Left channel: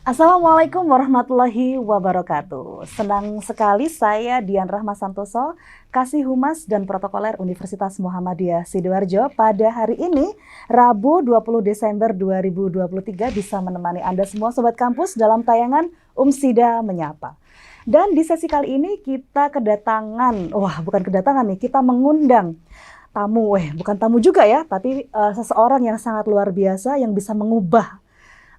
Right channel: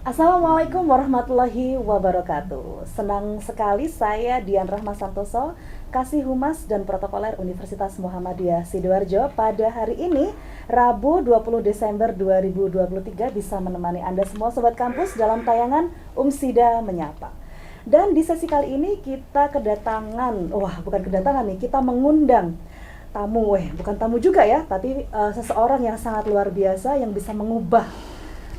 Assalamualaikum warahmatullahi wabarakatuh. Senang sekali saya Dian Rahma Santoso, Kasih Humas dan Protokoler Universitas Muhammadiyah Sidoarjo pada hari ini, Rabu 20 Desember 2023 bisa menemani Anda semua Sobat Kampus dalam tayangan Umsida Menyapa. Dan di sesi kali ini kita kedatangan, bukan kedatangan nih, kita mengundang tamu, bukan tamu juga ya, tapi seseorang yang sangat luar biasa yang bisa mengubah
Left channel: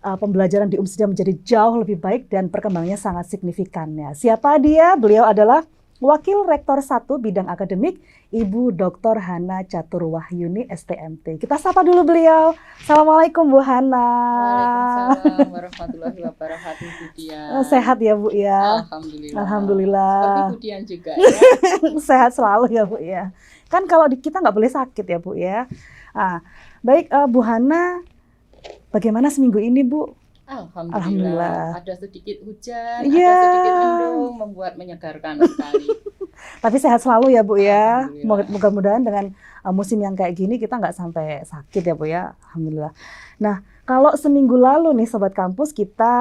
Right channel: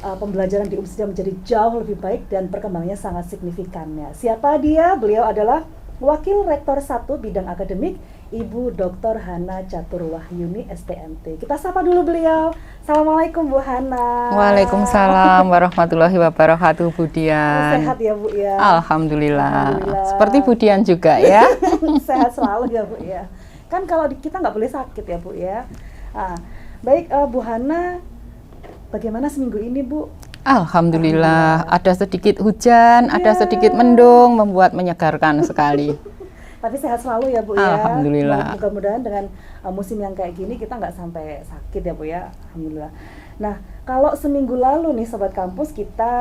pembelajaran di Umsida menjadi jauh lebih baik dan perkembangannya sangat signifikan. Siapa dia? Beliau adalah Wakil Rektor 1 Bidang Akademik, Ibu Dr. Hana Catur Wahyuni, STMT. Kita sapa dulu beliau. Assalamualaikum Bu Hana. Waalaikumsalam warahmatullahi wabarakatuh, Bu Dian. Sehat ya Bu ya? Alhamdulillah. Seperti Bu Dian juga ya. Sehat selalu ya Bu ya. Kan kalau kita nggak boleh sakit ya Bu ya. Baik Bu Hana, bagaimana seminggu ini Bu? Alhamdulillah, ada sedikit hujan, ada sedikit mendung, membuat menyegarkan sekali. Tapi sehat selalu ya Bu ya. Alhamdulillah. Mudah-mudahan dengan musim yang kayak gini kita nggak sampai sakit ya Bu ya. Alhamdulillah. Nah, kalau seminggu lalu nih Sobat Kampus kita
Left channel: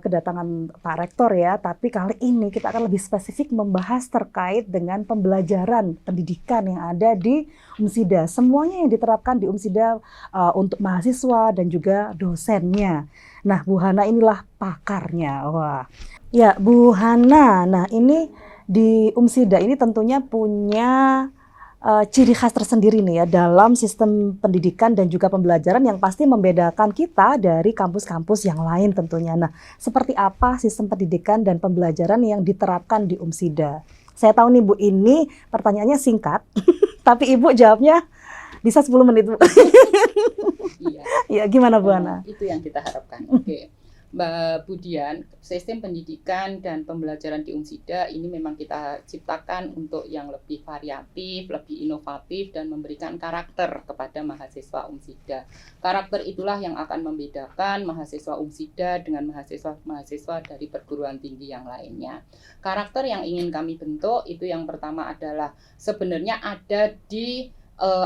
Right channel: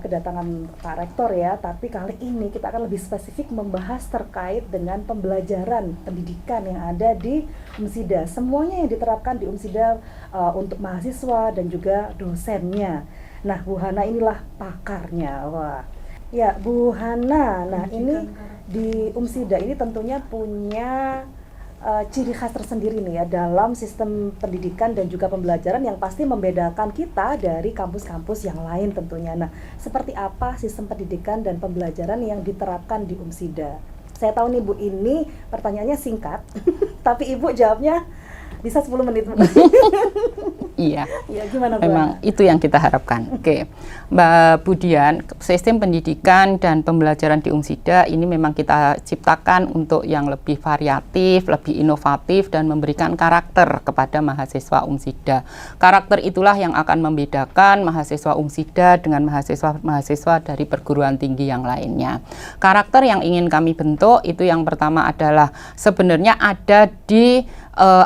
kedatangan Pak Rektor ya, tapi kali ini kita akan lebih spesifik membahas terkait dengan pembelajaran pendidikan yang ada di Umsida. Semuanya yang diterapkan di Umsida untuk mahasiswa dan juga dosennya. Nah, Bu Hana inilah pakarnya. Wah. Ya, Bu Hana. Nah, ini di Umsida ini tentunya punya ciri khas tersendiri nih ya dalam sistem pendidikan dan juga pembelajaran yang pasti membedakan kita dari kampus-kampus yang lain tentunya. Nah, seperti apa sistem pendidikan dan pembelajaran yang diterapkan di Umsida? Saya tahu nih Bu, ini pertanyaannya singkat, tapi Ibu jawabnya bisa 10 menit. Iya. Ya, gimana Bu? Memang itu yang kita harapkan. Oke. Mbak Budian, sistem pendidikan dan pembelajaran di Umsida ini memang kita ciptakan untuk yang lebih variatif, lebih inovatif dan memberikan karakter kepada mahasiswa Umsida. Karakter itulah yang akan membedakan mahasiswa Umsida dengan mahasiswa-mahasiswa dari perguruan tinggi yang lainnya. Karakter yang ingin kami bentuk itu yang pertama adalah sebenarnya ada di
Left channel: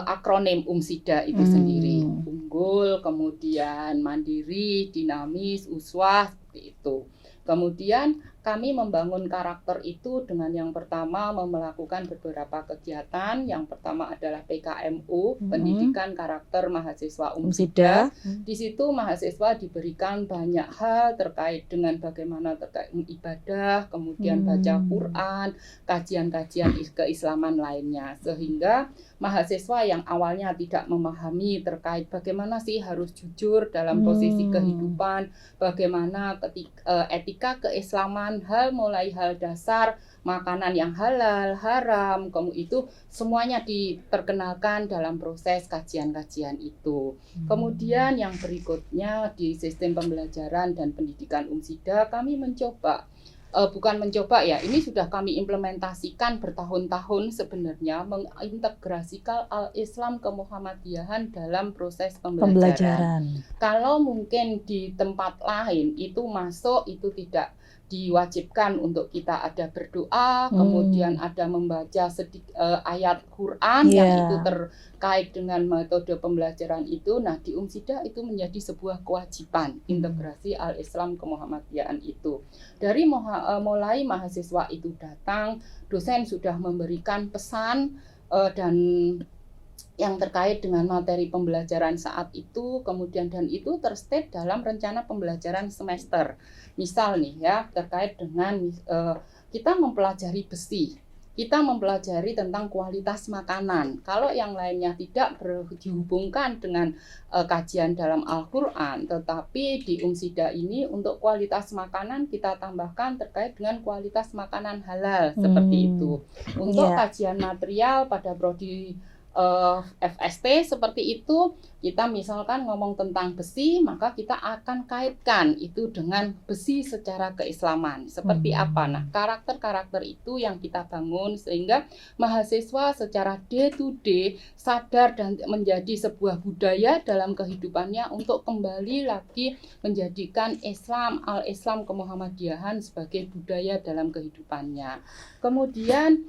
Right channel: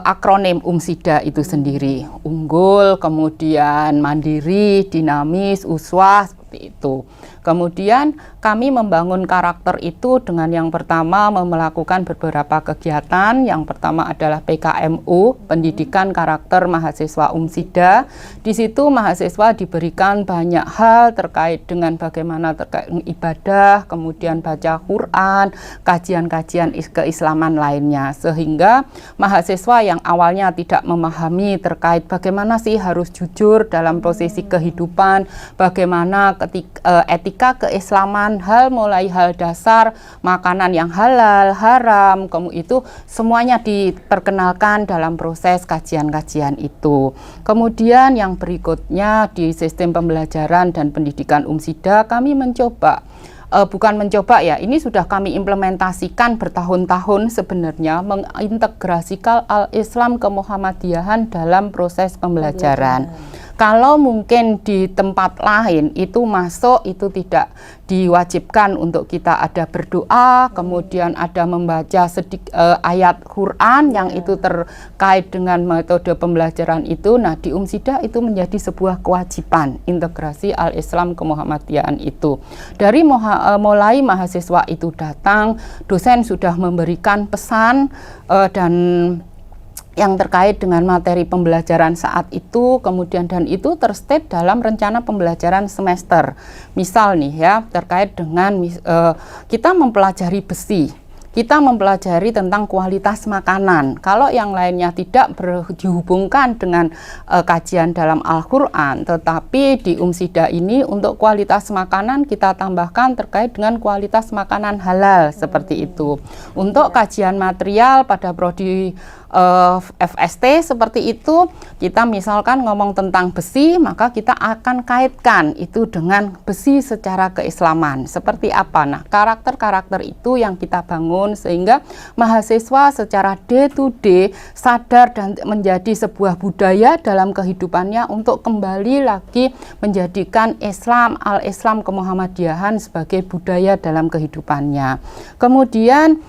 akronim Umsida itu sendiri, unggul, kemudian mandiri, dinamis, uswah, seperti itu. Kemudian kami membangun karakter itu dengan yang pertama melakukan beberapa kegiatan. Yang pertama adalah PKMU, Pendidikan Karakter Mahasiswa Umsida. Di situ mahasiswa diberikan banyak hal terkait dengan bagaimana terkait ibadah, kemudian baca Quran, kajian-kajian keislaman lainnya. Sehingga mahasiswa yang awalnya tidak memahami terkait bagaimana sih harus jujur dalam posisi kehidupan, bagaimana etika keislaman, hal mulai hal dasar, makanan yang halal, haram, itu semuanya diperkenalkan dalam proses kajian-kajian itu. Kemudian yang berikutnya di sistem pembelajaran dan pendidikan Umsida kami mencoba, bukan mencoba ya, ini sudah kami implementasikan bertahun-tahun sebenarnya, mengintegrasikan al-Islam ke Muhammadiyahan dalam proses pembelajaran. Kalau mungkin di tempat lain itu masuk, itu tidak diwajibkan untuk kita ada berdoa, kemudian ada membaca ayat Quran yang itu terkait dengan metode pembelajaran itu. Nah, di Umsida itu menjadi sebuah kewajiban integrasi al-Islam ke Muhammadiyahan itu. Dari mulai mahasiswa itu datang, dosen sudah memberikan pesan dan yang terkait dengan materi pembelajaran saat itu, kemudian dan itu terstate dalam rencana pembelajaran semester. Misal nih ya, terkait dengan kita mempelajari besi, kita mempelajari tentang kualitas makanan. Kalau yang lainnya tidak dihubungkan dengan kajian dalam Al-Quran, tetapi di Umsida ini untuk kualitas makanan kita tambahkan terkait dengan kualitas makanan halal, seperti itu. Untuk kajian material pada prodi FST seperti itu, kita misalkan ngomong tentang besi, maka kita akan kaitkan itu dengan besi secara keislaman. Seperti apa? Nah, karakter-karakter itu yang kita bangun sehingga mahasiswa secara day to day sadar dan menjadi sebuah budaya dalam kehidupannya untuk kembali lagi menjadikan Islam, al-Islam ke Muhammadiyahan sebagai budaya dalam kehidupannya. Kemudian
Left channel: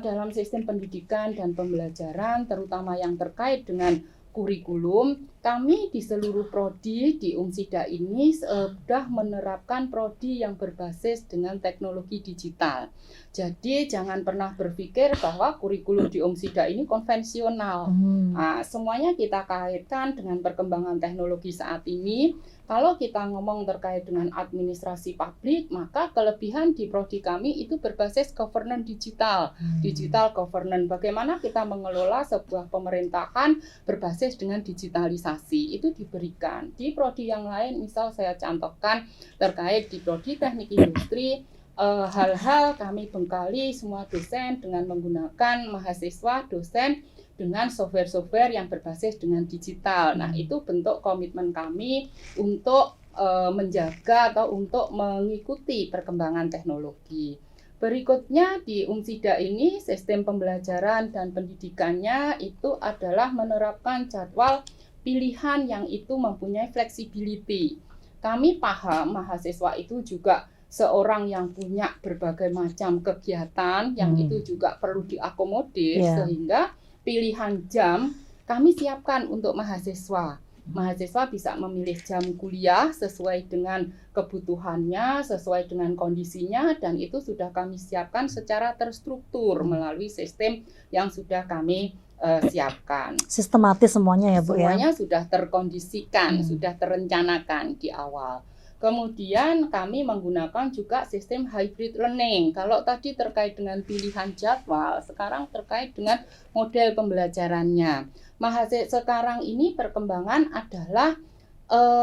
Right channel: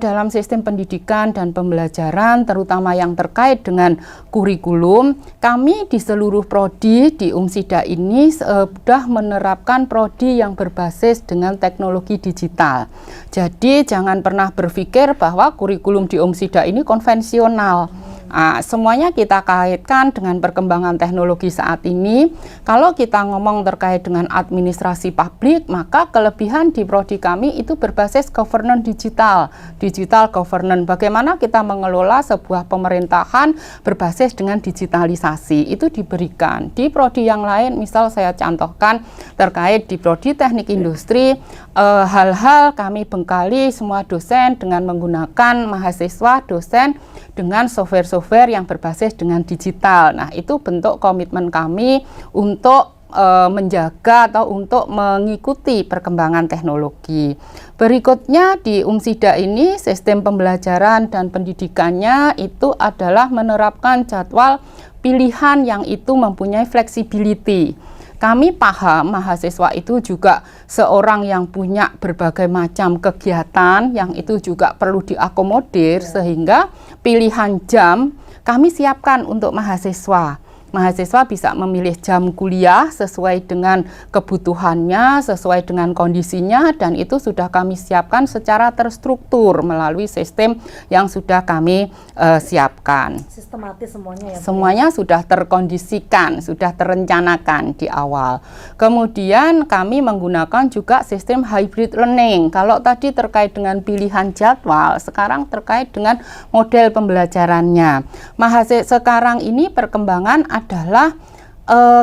dalam sistem pendidikan dan pembelajaran, terutama yang terkait dengan kurikulum, kami di seluruh prodi di Umsida ini sudah menerapkan prodi yang berbasis dengan teknologi digital. Jadi jangan pernah berpikir bahwa kurikulum di Umsida ini konvensional. Semuanya kita kaitkan dengan perkembangan teknologi saat ini. Kalau kita ngomong terkait dengan administrasi publik, maka kelebihan di prodi kami itu berbasis governance digital governance. Bagaimana kita mengelola sebuah pemerintahan berbasis dengan digitalisasi itu diberikan. Di prodi yang lain, misal saya contohkan terkait di prodi teknik industri, hal-hal kami bengkali semua dosen dengan menggunakan mahasiswa dosen dengan software-software yang berbasis dengan digital. Nah, itu bentuk komitmen kami untuk menjaga atau untuk mengikuti perkembangan teknologi. Berikutnya di Umsida ini sistem pembelajaran dan pendidikannya itu adalah menerapkan jadwal pilihan yang itu mempunyai flexibility. Kami paham mahasiswa itu juga seorang yang punya berbagai macam kegiatan yang itu juga perlu diakomodir, sehingga pilihan jam kami siapkan untuk mahasiswa. Mahasiswa bisa memilih jam kuliah sesuai dengan kebutuhannya, sesuai dengan kondisinya, dan itu sudah kami siapkan secara terstruktur melalui sistem yang sudah kami siapkan. Sistematis semuanya ya Bu? Semuanya sudah terkondisikan, sudah terencanakan di awal. Kemudian kami menggunakan juga sistem hybrid learning. Kalau tadi terkait dengan pilihan jadwal, sekarang terkait dengan model pembelajarannya. Sekarang ini perkembangan adalah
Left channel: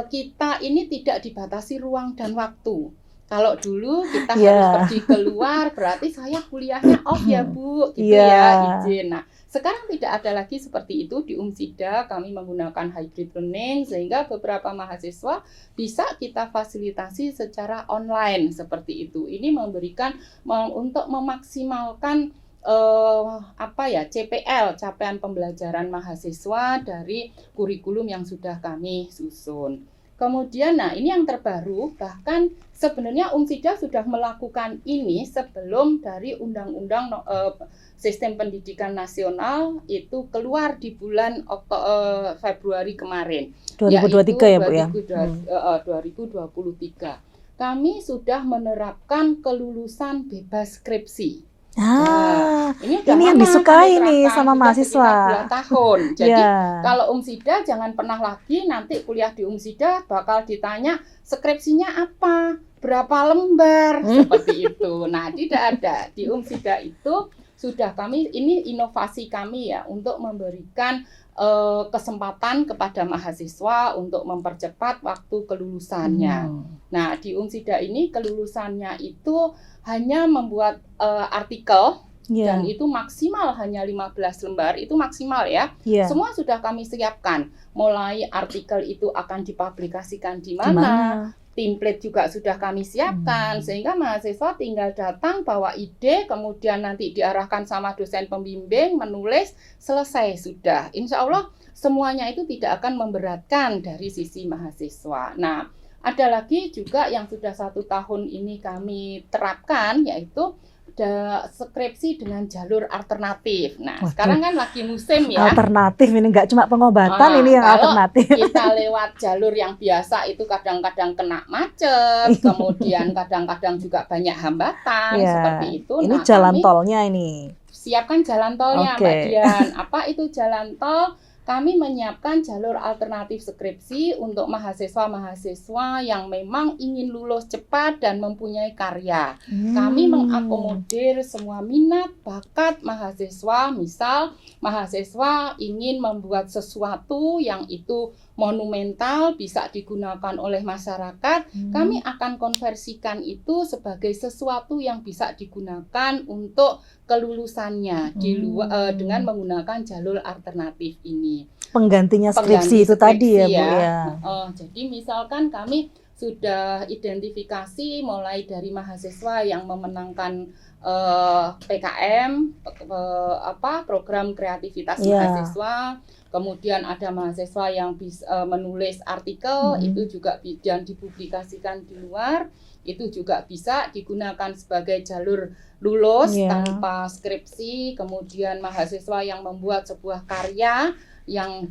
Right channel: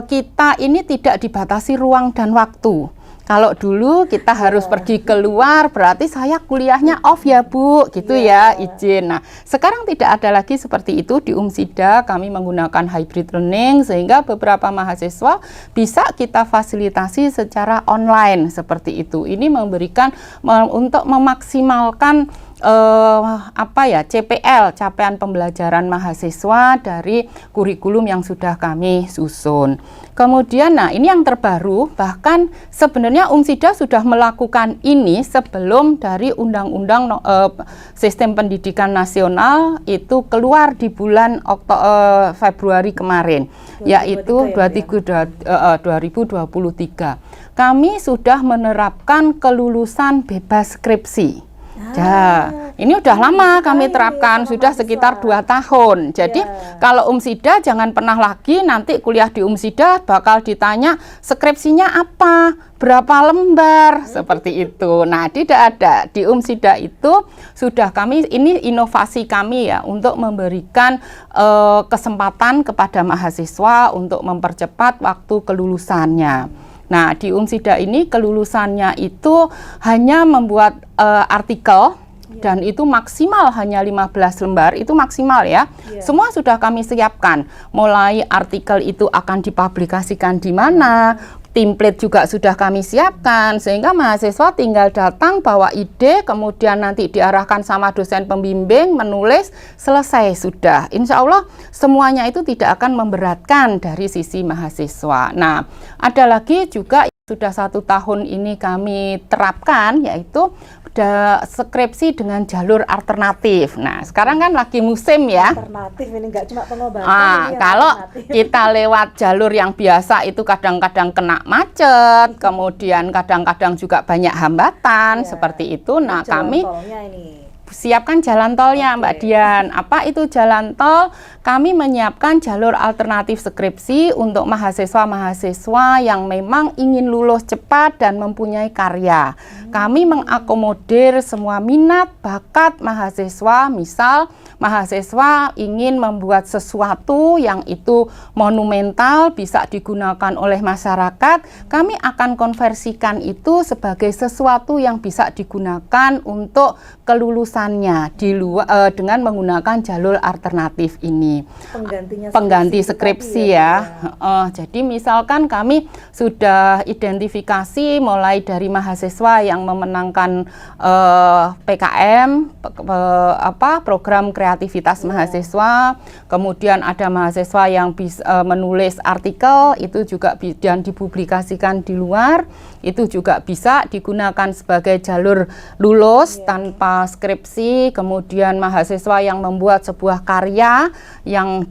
kita ini tidak dibatasi ruang dan waktu. Kalau dulu kita harus pergi keluar, berarti saya kuliahnya off ya Bu, gitu ya, izin. Nah, sekarang tidak ada lagi seperti itu di Umsida. Kami menggunakan hybrid learning sehingga beberapa mahasiswa bisa kita fasilitasi secara online seperti itu. Ini memberikan untuk memaksimalkan CPL, capaian pembelajaran mahasiswa dari kurikulum yang sudah kami susun. Kemudian, nah ini yang terbaru, bahkan sebenarnya Umsida sudah melakukan ini sebelum dari Undang-Undang Sistem Pendidikan Nasional itu keluar di bulan Februari kemarin, 2023 yaitu ya, 2023. Kami sudah menerapkan kelulusan bebas skripsi. Ini udah lama kami terapkan, sudah sekitar 2 tahun. Jadi kalau Umsida jangan pernah lagi nanti kuliah di Umsida bakal ditanya skripsinya apa, berapa lembar, seperti itu. Nah, tidak ada. Di Umsida itu sudah kami, ini inovasi kami ya, untuk memberikan kesempatan kepada mahasiswa untuk mempercepat waktu kelulusannya. Nah, di Umsida ini kelulusannya itu hanya membuat artikel dan itu maksimal hanya 15 lembar, itu maksimal ya. Semua sudah kami siapkan. Mulai artikel itu akan dipublikasikan di mana, template juga sudah kami siapkan, sehingga mahasiswa tinggal datang bawa ide, kemudian nanti diarahkan sama dosen pembimbing, menulis, selesai sudah. Insya Allah semuanya itu tidak akan memberatkan dari sisi mahasiswa. Nah, ada lagi juga yang sudah 1 tahun ini kami terapkan, yaitu skripsi dengan jalur alternatif. Nah, sekarang kan lagi musim ya. Alternatif ini nggak cuma pengobatan, ini yang kalau alternatif. Kita lewat jalur yang biasa itu kadang-kadang kena macet, kemudian kadang-kadang juga banyak hambatan, seperti itu. Ini nah, jalan kami tolnya ini. siapkan jalan tolnya, Mbak Dian. Apa itu jalan tol? Kami menyiapkan jalur alternatif skripsi untuk mahasiswa-mahasiswa yang memang ingin lulus cepat dan mempunyai karya. Kami mengakomodir semua minat, bakat mahasiswa. Misal, mahasiswa ingin membuat sesuatu yang itu monumental, bisa digunakan oleh masyarakat. Kami akan konversikan itu sebagai sesuatu yang bisa digunakan untuk kelulusannya di luar dengan menggunakan jalur alternatif ini. Pengganti skripsi tadi ya. Jadi misalkan kami sudah identifikasi mulai dari mahasiswa yang memenangkan PKM, program kreativitas mahasiswa, kemudian ada mahasiswa yang bisa menulis artikel, itu juga dan dipublikasikan di luar. Itu juga bisa digunakan sebagai jalur lulus tanpa skripsi skripsi, kemudian mahasiswa yang membuat sebuah karya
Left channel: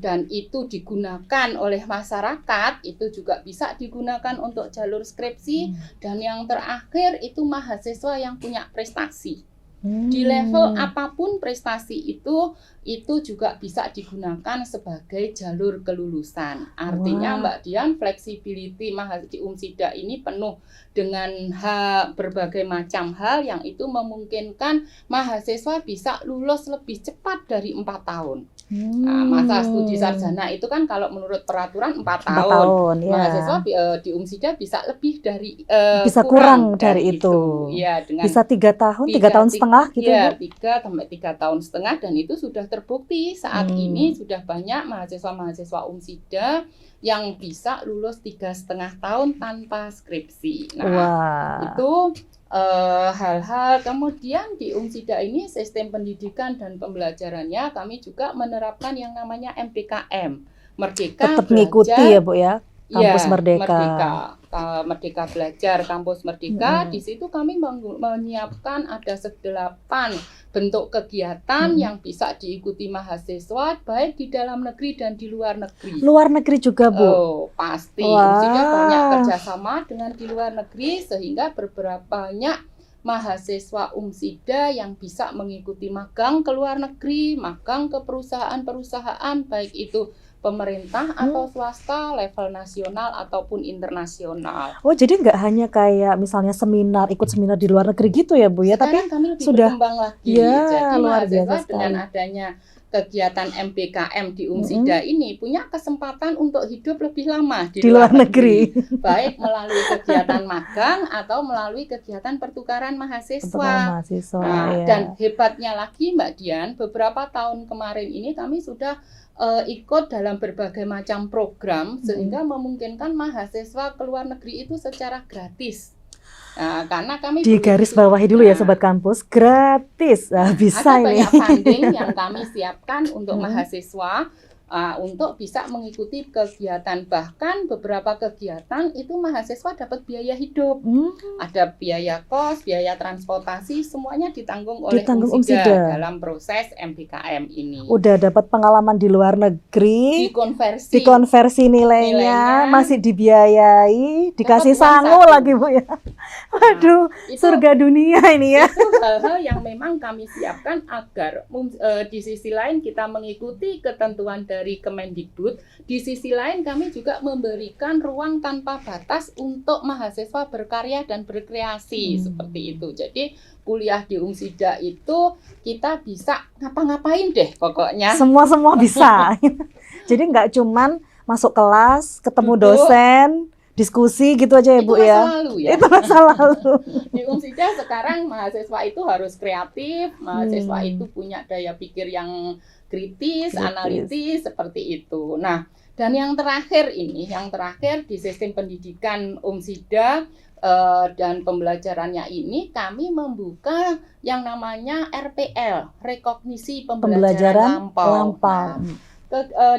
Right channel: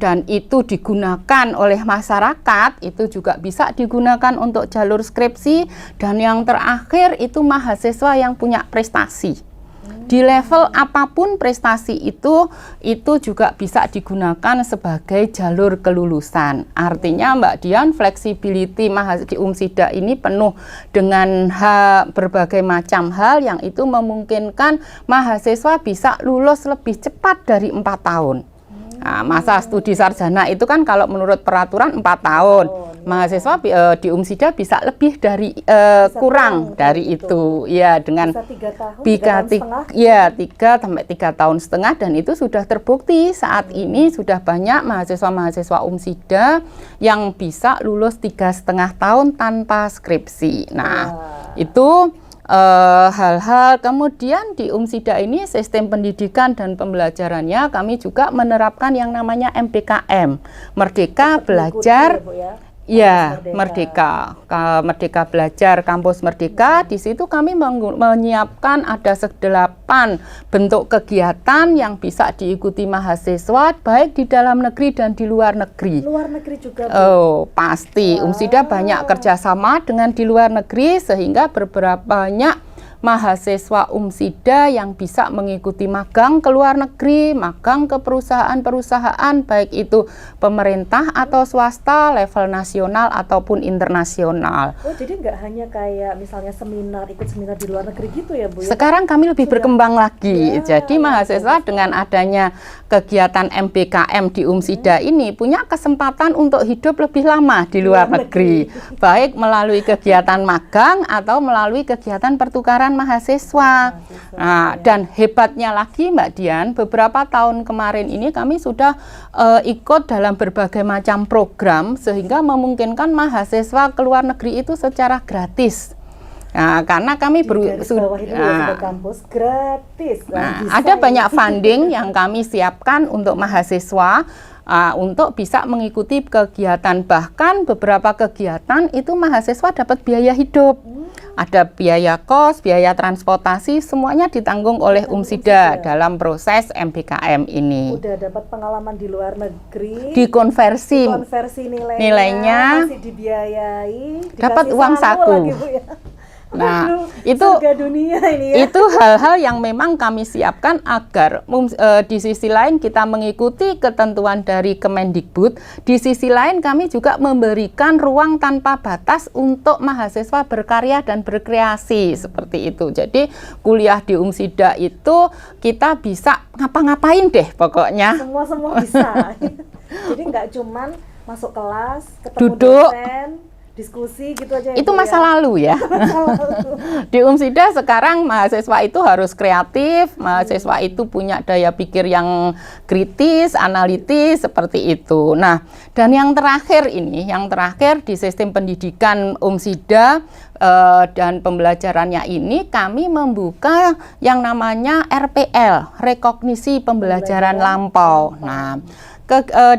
dan itu digunakan oleh masyarakat, itu juga bisa digunakan untuk jalur skripsi. Dan yang terakhir itu mahasiswa yang punya prestasi. Di level apapun prestasi itu juga bisa digunakan sebagai jalur kelulusan. Artinya Mbak Dian, flexibility di Umsida ini penuh dengan berbagai macam hal yang itu memungkinkan mahasiswa bisa lulus lebih cepat dari 4 tahun. Nah, masa studi sarjana itu kan kalau menurut peraturan 4 tahun. Ya. Mahasiswa di Umsida bisa lebih dari bisa kurang dari itu. Ya, dengan bisa 3 tahun, 3 tahun setengah. Ya, 3 sampai 3 tahun setengah, dan itu sudah terbukti saat ini sudah banyak mahasiswa Umsida yang bisa lulus 3,5 tahun tanpa skripsi. Nah, itu hal-hal. Kemudian di Umsida ini sistem pendidikan dan pembelajarannya kami juga menerapkan yang namanya MPKM, Merdeka Tetap Belajar ya, Bu ya. Ya, Merdeka Belajar Kampus Merdeka. Di situ kami menyiapkan ada 8 bentuk kegiatan yang bisa diikuti mahasiswa baik di dalam negeri dan di luar negeri. Luar negeri juga, Bu? Oh, pasti. Umsida banyak kerjasama dengan di luar negeri sehingga beberapa banyak mahasiswa Umsida yang bisa mengikuti magang ke luar negeri, magang ke perusahaan-perusahaan, baik itu pemerintah atau swasta, level nasional ataupun internasional. Oh, jadi nggak hanya kayak misalnya seminar, ikut seminar di luar negeri gitu ya, Bu? Sekarang kami lebih berkembang lagi. Ya, jadi mahasiswa dengan adanya kegiatan MPKM di Umsida ini punya kesempatan untuk hidup lebih lama di luar negeri. Baik melalui kegiatan magang atau melalui kegiatan pertukaran mahasiswa. Nah, dan hebatnya lagi Mbak Dian, beberapa tahun kemarin ini kami sudah ikut dalam berbagai macam program sehingga memungkinkan mahasiswa ke luar negeri itu secara gratis. Nah, karena kami di garis bawahi dulu ya Sobat Kampus, gratis. Bisa ada banyak funding yang kami siapkan untuk mahasiswa untuk bisa mengikuti kegiatan. Bahkan beberapa kegiatan itu mahasiswa dapat biaya hidup. Ada biaya kos, biaya transportasi, semuanya ditanggung oleh Umsida dalam proses MPKM ini. Udah dapat pengalaman di luar negeri, dikonversi nilainya masih dibiayai, dikasih uang sangu saku lagi, Bu ya. Nah, aduh, itu surga dunia ini ya. Itu hal-hal yang memang kami siapkan agar di sisi lain kita mengikuti ketentuan dari Kemendikbud, di sisi lain kami juga memberikan ruang tanpa batas untuk mahasiswa berkarya dan berkreasi seperti itu. Jadi kuliah di Umsida itu kita bisa ngapa-ngapain deh pokoknya. Semua bisa. Jadi nggak cuman masuk kelas, ketemu duduk, dosen, diskusi gitu aja ya, itu Bu, masa ya? lalu ya. Itu masa lalu. Di Umsida sekarang mahasiswa itu harus kreatif, mahasiswa itu punya daya pikir yang kritis, analitis, seperti itu. Nah, dan yang terakhir di sistem pendidikan Umsida dan pembelajarannya ini kami membuka yang namanya RPL, rekognisi pembelajaran lampau. Nah,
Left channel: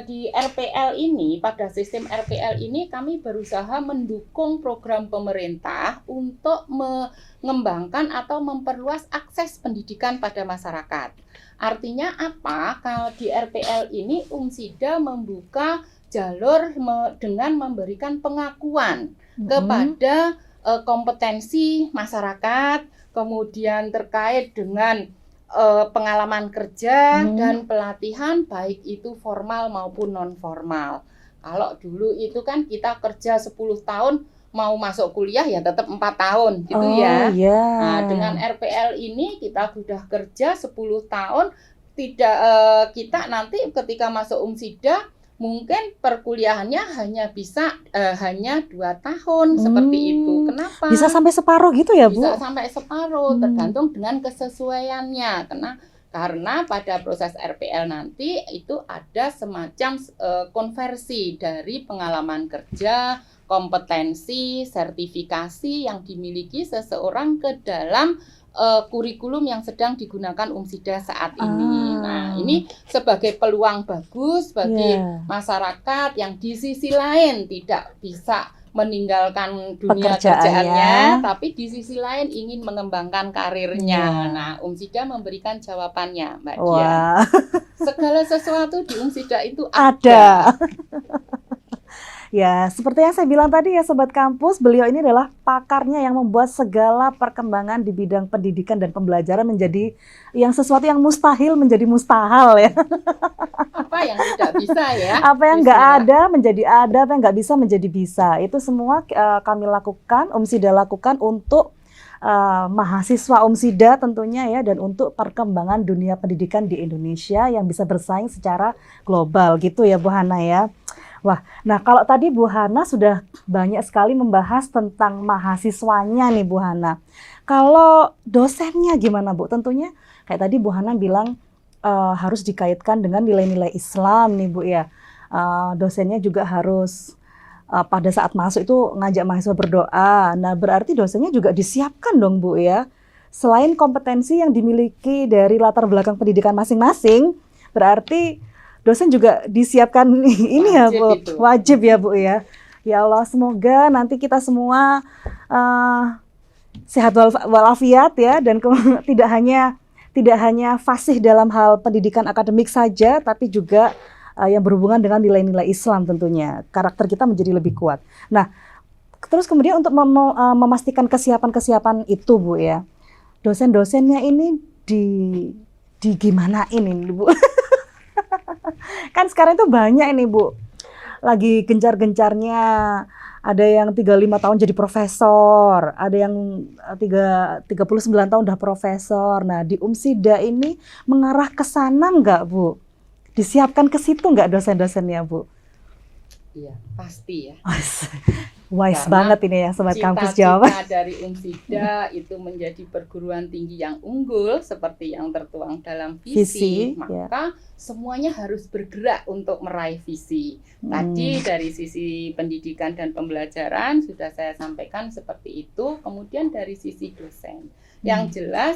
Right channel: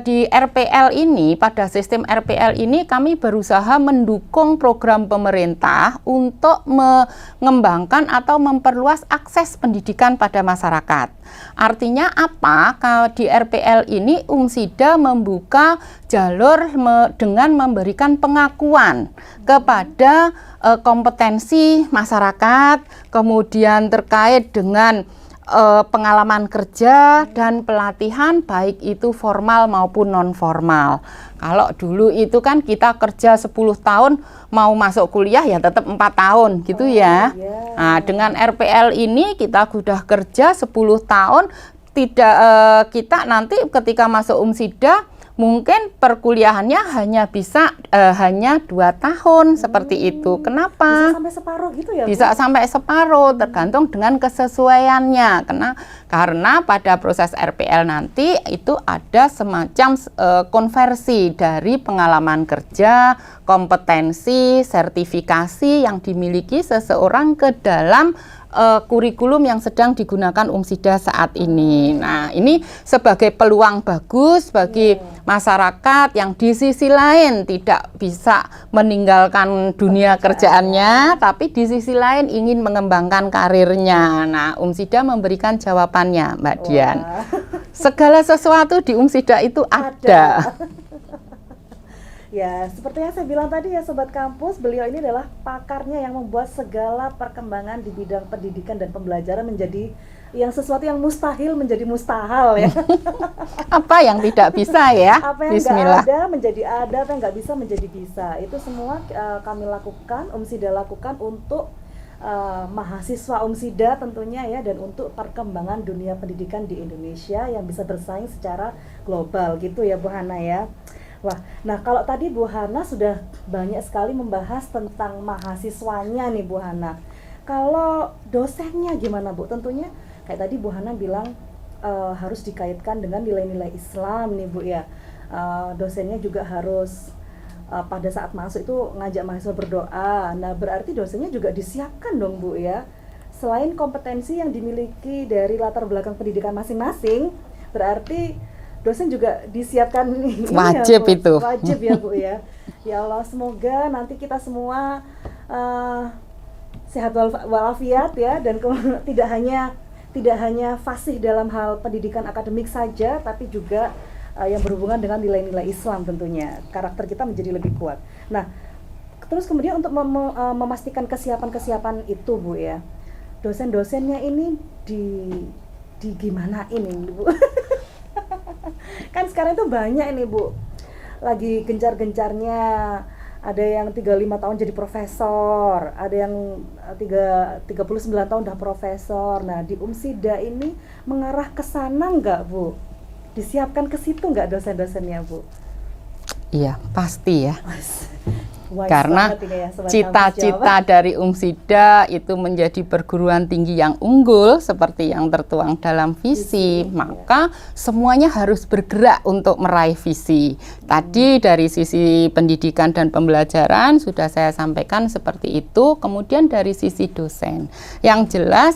di RPL ini, pada sistem RPL ini kami berusaha mendukung program pemerintah untuk mengembangkan atau memperluas akses pendidikan pada masyarakat. Artinya apa? Kalau di RPL ini Umsida membuka jalur dengan memberikan pengakuan kepada kompetensi masyarakat, kemudian terkait dengan pengalaman kerja dan pelatihan baik itu formal maupun non formal. Kalau dulu itu kan kita kerja 10 tahun mau masuk kuliah ya tetap 4 tahun gitu ya. Yeah. Nah, dengan RPL ini kita sudah kerja 10 tahun, kita nanti ketika masuk Umsida mungkin perkuliahannya hanya bisa hanya 2 tahun seperti itu. Kenapa? Bisa sampai separuh gitu ya, Bu? Bisa sampai separuh, tergantung dengan kesesuaiannya. Karena pada proses RPL nanti itu ada semacam konversi dari pengalaman kerja, kompetensi, sertifikasi yang dimiliki seseorang ke dalam kurikulum yang sedang digunakan UMSIDA saat ini. Nah, ini sebagai peluang bagus bagi masyarakat yang di sisi lain tidak bisa meninggalkan dunia kerjaannya, tapi di sisi lain ingin mengembangkan karirnya. Nah, UMSIDA memberikan jawabannya, Mbak Dian. Segala sesuatu di UMSIDA itu ada. Ya, seperti yang saya bilang tadi ya Sobat Kampus, beliau ini adalah pakarnya yang membuat segala perkembangan di bidang pendidikan dan pembelajaran menjadi yang sesuatu yang mustahil menjadi mustahil ya. Apa yang tidak bisa ya? Apa yang nggak ada menjadi ada, apa yang nggak bisa menjadi bisa. Itu semua kami lakukan, UMSIDA lakukan untuk mahasiswa UMSIDA tentunya ya, dan untuk perkembangan dunia pendidikan di Indonesia yang bisa bersaing secara global gitu ya Bu Hana ya. Wah, nah kalau tadi Bu Hana sudah banyak sekali membahas tentang mahasiswanya nih Bu Hana. Kalau dosennya gimana Bu? Tentunya kayak tadi Bu Hana bilang harus dikaitkan dengan nilai-nilai Islam nih Bu ya. Dosennya juga harus pada saat masuk itu ngajak mahasiswa berdoa. Nah berarti dosennya juga disiapkan dong Bu ya. Selain kompetensi yang dimiliki dari latar belakang pendidikan masing-masing, berarti dosen juga disiapkan wajib Bu. itu. Wajib ya Bu ya. Ya Allah, semoga nanti kita semua sehat walafiat ya, dan tidak hanya fasih dalam hal pendidikan akademik saja, tapi juga yang berhubungan dengan nilai-nilai Islam tentunya. Karakter kita menjadi lebih kuat. Nah, terus kemudian untuk memastikan kesiapan-kesiapan itu Bu ya, dosen-dosennya ini di gimana ini Bu? Kan sekarang itu banyak ini Bu, lagi gencar-gencarnya, ada yang 35 tahun jadi profesor, ada yang 39 tahun udah profesor. Nah di UMSIDA ini mengarah ke sana nggak Bu? Disiapkan ke situ nggak dosen-dosennya Bu? Iya, pasti ya. Wise karena banget ini ya Sobat Kampus cita-cita dari UMSIDA itu menjadi perguruan tinggi yang unggul seperti yang tertuang dalam visi, maka semuanya harus bergerak untuk meraih visi. Tadi dari sisi pendidikan dan pembelajaran sudah saya sampaikan seperti itu. Kemudian dari sisi dosen, yang jelas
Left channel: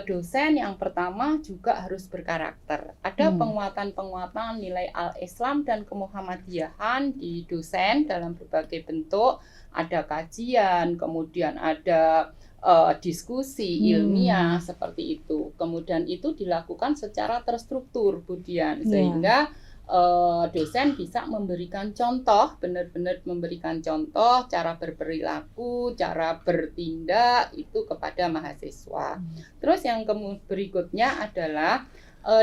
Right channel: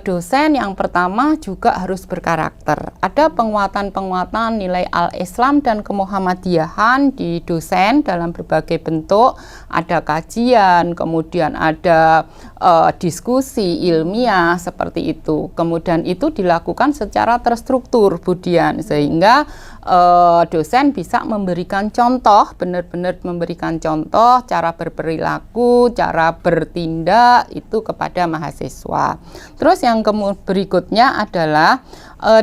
dosen yang pertama juga harus berkarakter. Ada penguatan-penguatan nilai al-Islam dan kemuhammadiyahan di dosen dalam berbagai bentuk. Ada kajian, kemudian ada diskusi ilmiah seperti itu. Kemudian itu dilakukan secara terstruktur, Bu Dian, sehingga dosen bisa memberikan contoh, benar-benar memberikan contoh cara berperilaku, cara bertindak itu kepada mahasiswa. Terus yang berikutnya adalah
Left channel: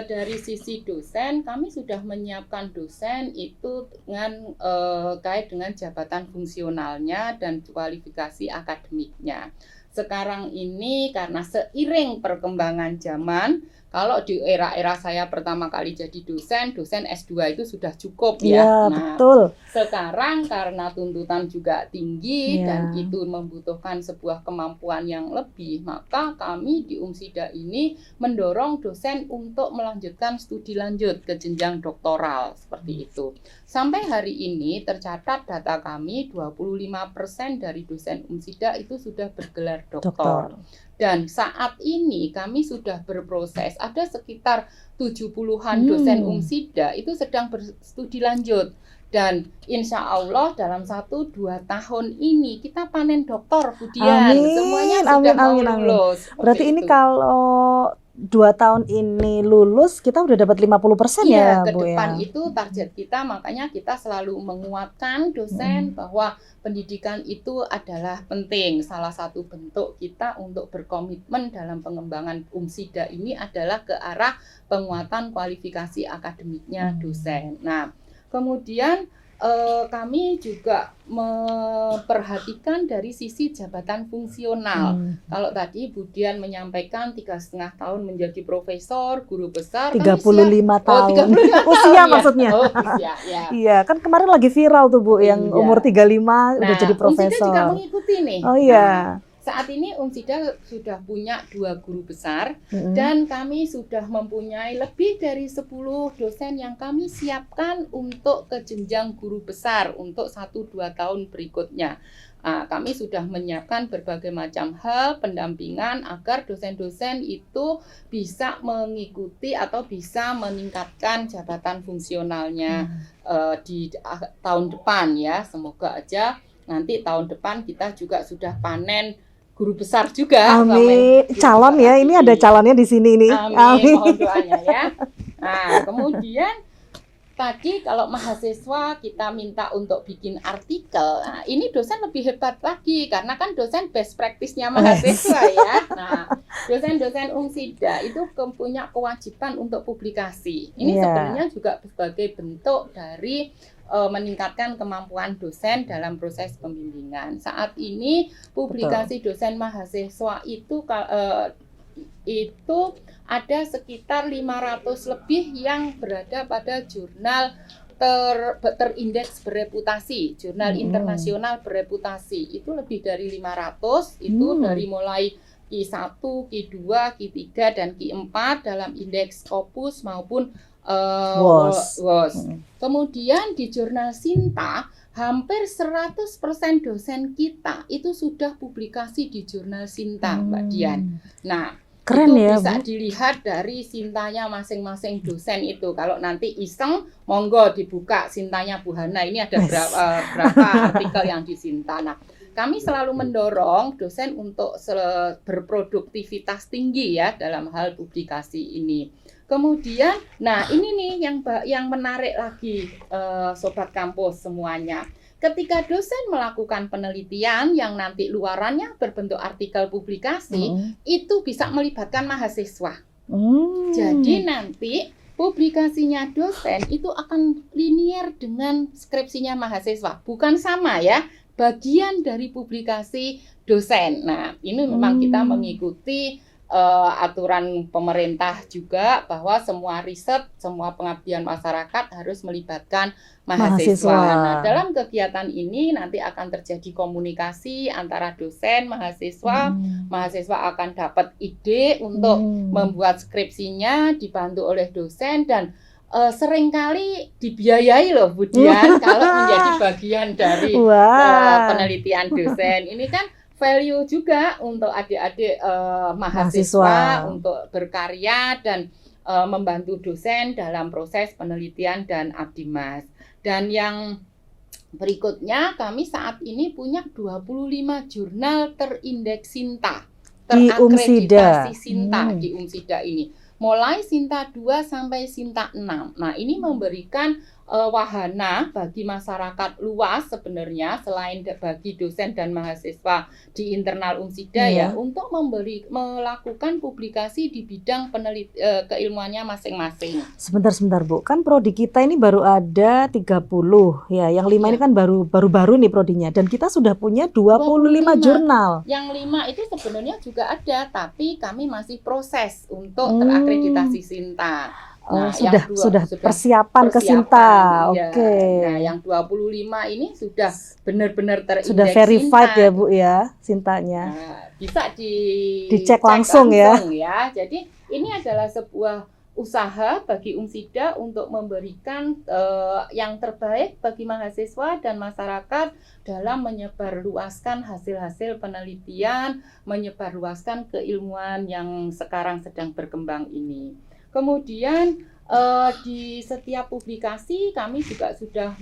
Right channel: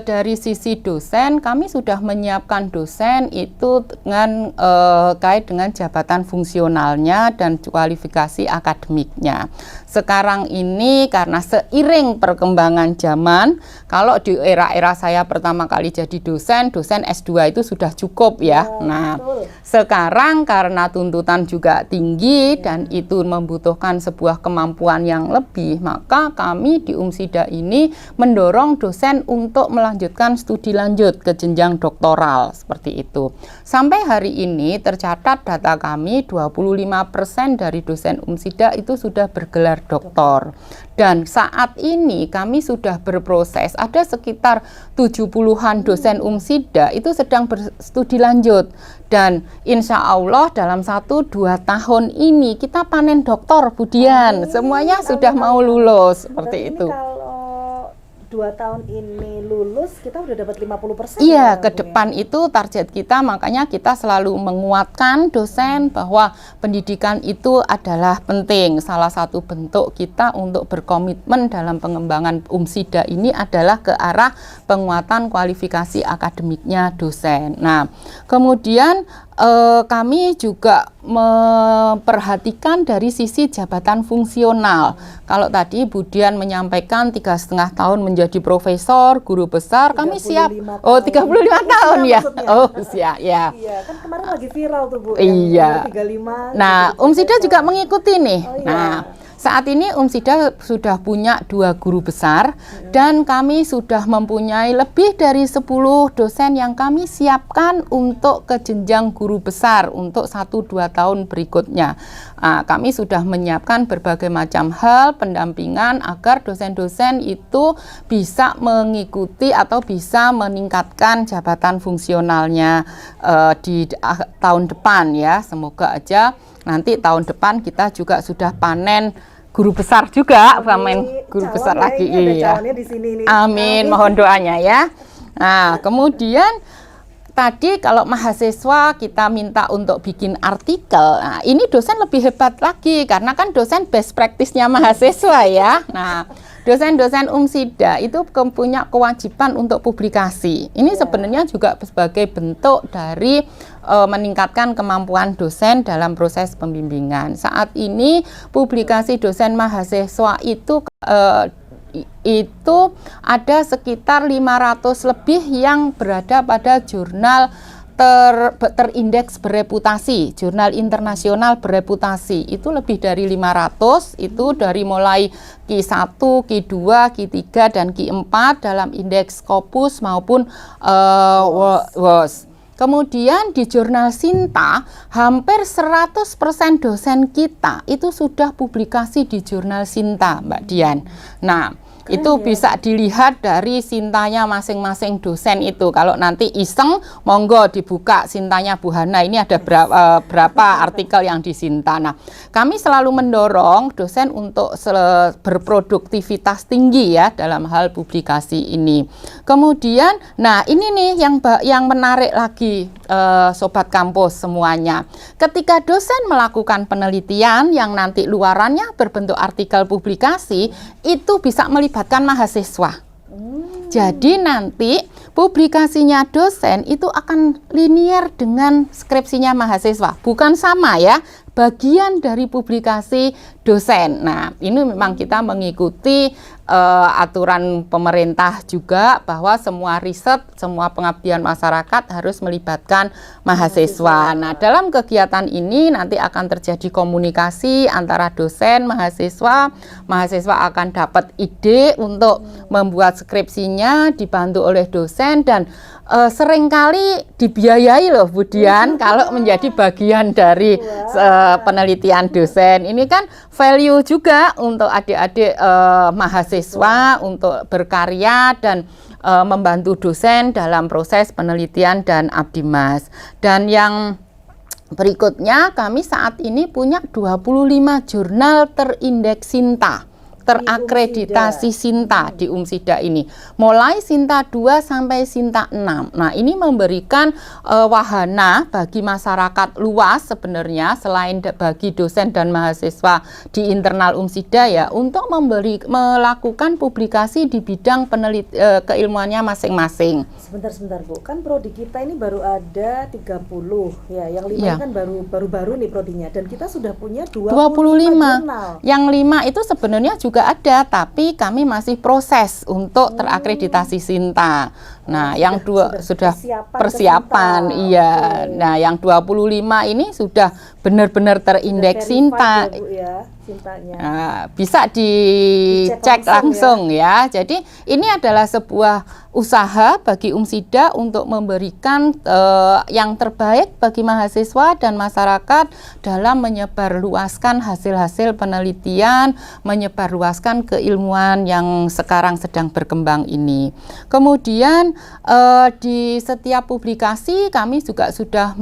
dari sisi dosen, kami sudah menyiapkan dosen itu dengan kait dengan jabatan fungsionalnya dan kualifikasi akademiknya. Sekarang ini karena seiring perkembangan zaman, kalau di era-era saya pertama kali jadi dosen S2 itu sudah cukup ya. Nah, betul. Sekarang karena tuntutan juga tinggi dan itu membutuhkan sebuah kemampuan yang lebih, maka kami di UMSIDA ini mendorong dosen untuk melanjutkan studi lanjut ke jenjang doktoral seperti itu. Sampai hari ini tercatat data kami 25% dari dosen UMSIDA itu sudah bergelar doktor. Dan saat ini kami sudah berproses, ada sekitar 70-an dosen UMSIDA itu sedang berstudi lanjut. Dan insya Allah dalam 1-2 tahun ini kita panen doktor, Bu Dian. Semuanya sudah mau lulus. Berarti ini kalau 2 tahun ini lulus, kita udah dapat 50% ya, ke depan itu target kita, makanya kita selalu menguatkan dosen bahwa pendidikan itu adalah penting. Salah satu bentuk kita untuk berkomitmen dalam pengembangan UMSIDA ini adalah ke arah penguatan kualifikasi akademiknya dosen. Nah, kemudian kami juga memperhatikan dari sisi jabatan fungsional. Kalau tadi Bu Dian menyampaikan 3,5 tahun menjadi profesor, guru besar, 35 tahun. Oh, 35 tahun ya. Maksudnya. Oh, usia, ya. Iya, kan kemarin lagi viral tuh Bu, yang umur 35 nah, jadi profesor. UMSIDA juga mengikuti nih. Oh iya. Nah, Saat ini Umsida sudah punya 2 guru besar dan kami sudah mempunyai lebih dari 10 dosen yang kami siapkan untuk ke jenjang guru besar untuk 1-2 tahun berikutnya. Kami sudah menyiapkan berbagai macam hal pendampingan agar dosen-dosen itu bisa mengikuti atau bisa meningkatkan jabatan fungsionalnya di tahun depan ya. Semoga aja nanti tahun depan kita juga sudah panen guru besar juga. Amin. Calon ya, ini ada calonnya di sini ini. Amin, mohon doanya ya. Nah, kemudian tadi kalau mahasiswa kita minta untuk bikin artikel, nah ini dosen lebih hebat lagi karena kan dosen best practice-nya mahasiswa ya. Nah, dosen-dosen Umsida itu punya kewajiban untuk publikasi. Ini sebenarnya juga sebagai bentuk dari meningkatkan kemampuan dosen dalam proses pembimbingan. Saat ini publikasi dosen mahasiswa itu ada sekitar 500 lebih yang berada pada jurnal terindeks bereputasi, jurnal internasional bereputasi. Itu lebih dari 500, itu dari mulai Q1, Q2, Q3, dan Q4 dalam indeks Scopus maupun WOS. Kemudian di jurnal Sinta, hampir 100% dosen kita itu sudah publikasi di jurnal Sinta, Mbak Dian. Nah, keren itu ya, bisa Bu? Dilihat dari Sintanya masing-masing dosen itu. Kalau nanti iseng, monggo dibuka Sintanya Bu Hana. Ini ada berapa artikel yang di Sinta. Nah, kami selalu mendorong dosen untuk berproduktivitas tinggi ya dalam hal publikasi ini. Kemudian, nah ini nih yang menarik lagi Sobat Kampus semuanya. Ketika dosen melakukan penelitian yang nanti luarannya berbentuk artikel publikasi, itu bisa melibatkan mahasiswa. Jadi nanti publikasinya dosen itu akan linear dengan skripsinya mahasiswa. Bukan sama ya, bagian dari publikasi dosen. Nah, ini memang kita mengikuti aturan pemerintah juga bahwa semua riset, semua pengabdian masyarakat harus melibatkan mahasiswa. Nah, dalam kegiatan ini nanti akan terjadi komunikasi antara dosen, mahasiswa. Mahasiswa akan dapat ide untuk membuat skripsinya, dibantu oleh dosen, dan seringkali dibiayai loh Bu Dian kalau menjadi bagian dari penelitian dosen. Ini kan value juga untuk adik-adik mahasiswa untuk berkarya dan membantu dosen dalam proses penelitian dan abdimas. Dan yang berikutnya, kami saat ini punya 25 jurnal terindeks Sinta, terakreditasi Sinta di Umsida ini. Mulai Sinta 2 sampai Sinta 6. Nah, ini memberikan wahana bagi masyarakat luas sebenarnya, selain bagi dosen dan mahasiswa di internal Umsida ya, untuk melakukan publikasi di bidang keilmuannya masing-masing. Sebentar Bu, kan prodi kita ini baru ada 30 ya, yang 5 ini kan baru nih prodinya, dan kita sudah punya 25 jurnal. Yang 5 itu sebenarnya juga ada, tapi kami masih proses untuk terakreditasi Sinta. Nah, yang sudah persiapan iya. Nah, yang 25 ini sudah benar-benar terindeks Sinta ya Bu ya, Sintanya. Nah, bisa dicek langsung ya. Jadi ini adalah sebuah usaha bagi Umsida untuk memberikan yang terbaik bagi mahasiswa dan masyarakat dalam menyebarluaskan hasil-hasil penelitian, menyebarluaskan keilmuan yang sekarang sedang berkembang ini. Kemudian di setiap publikasi kami juga sudah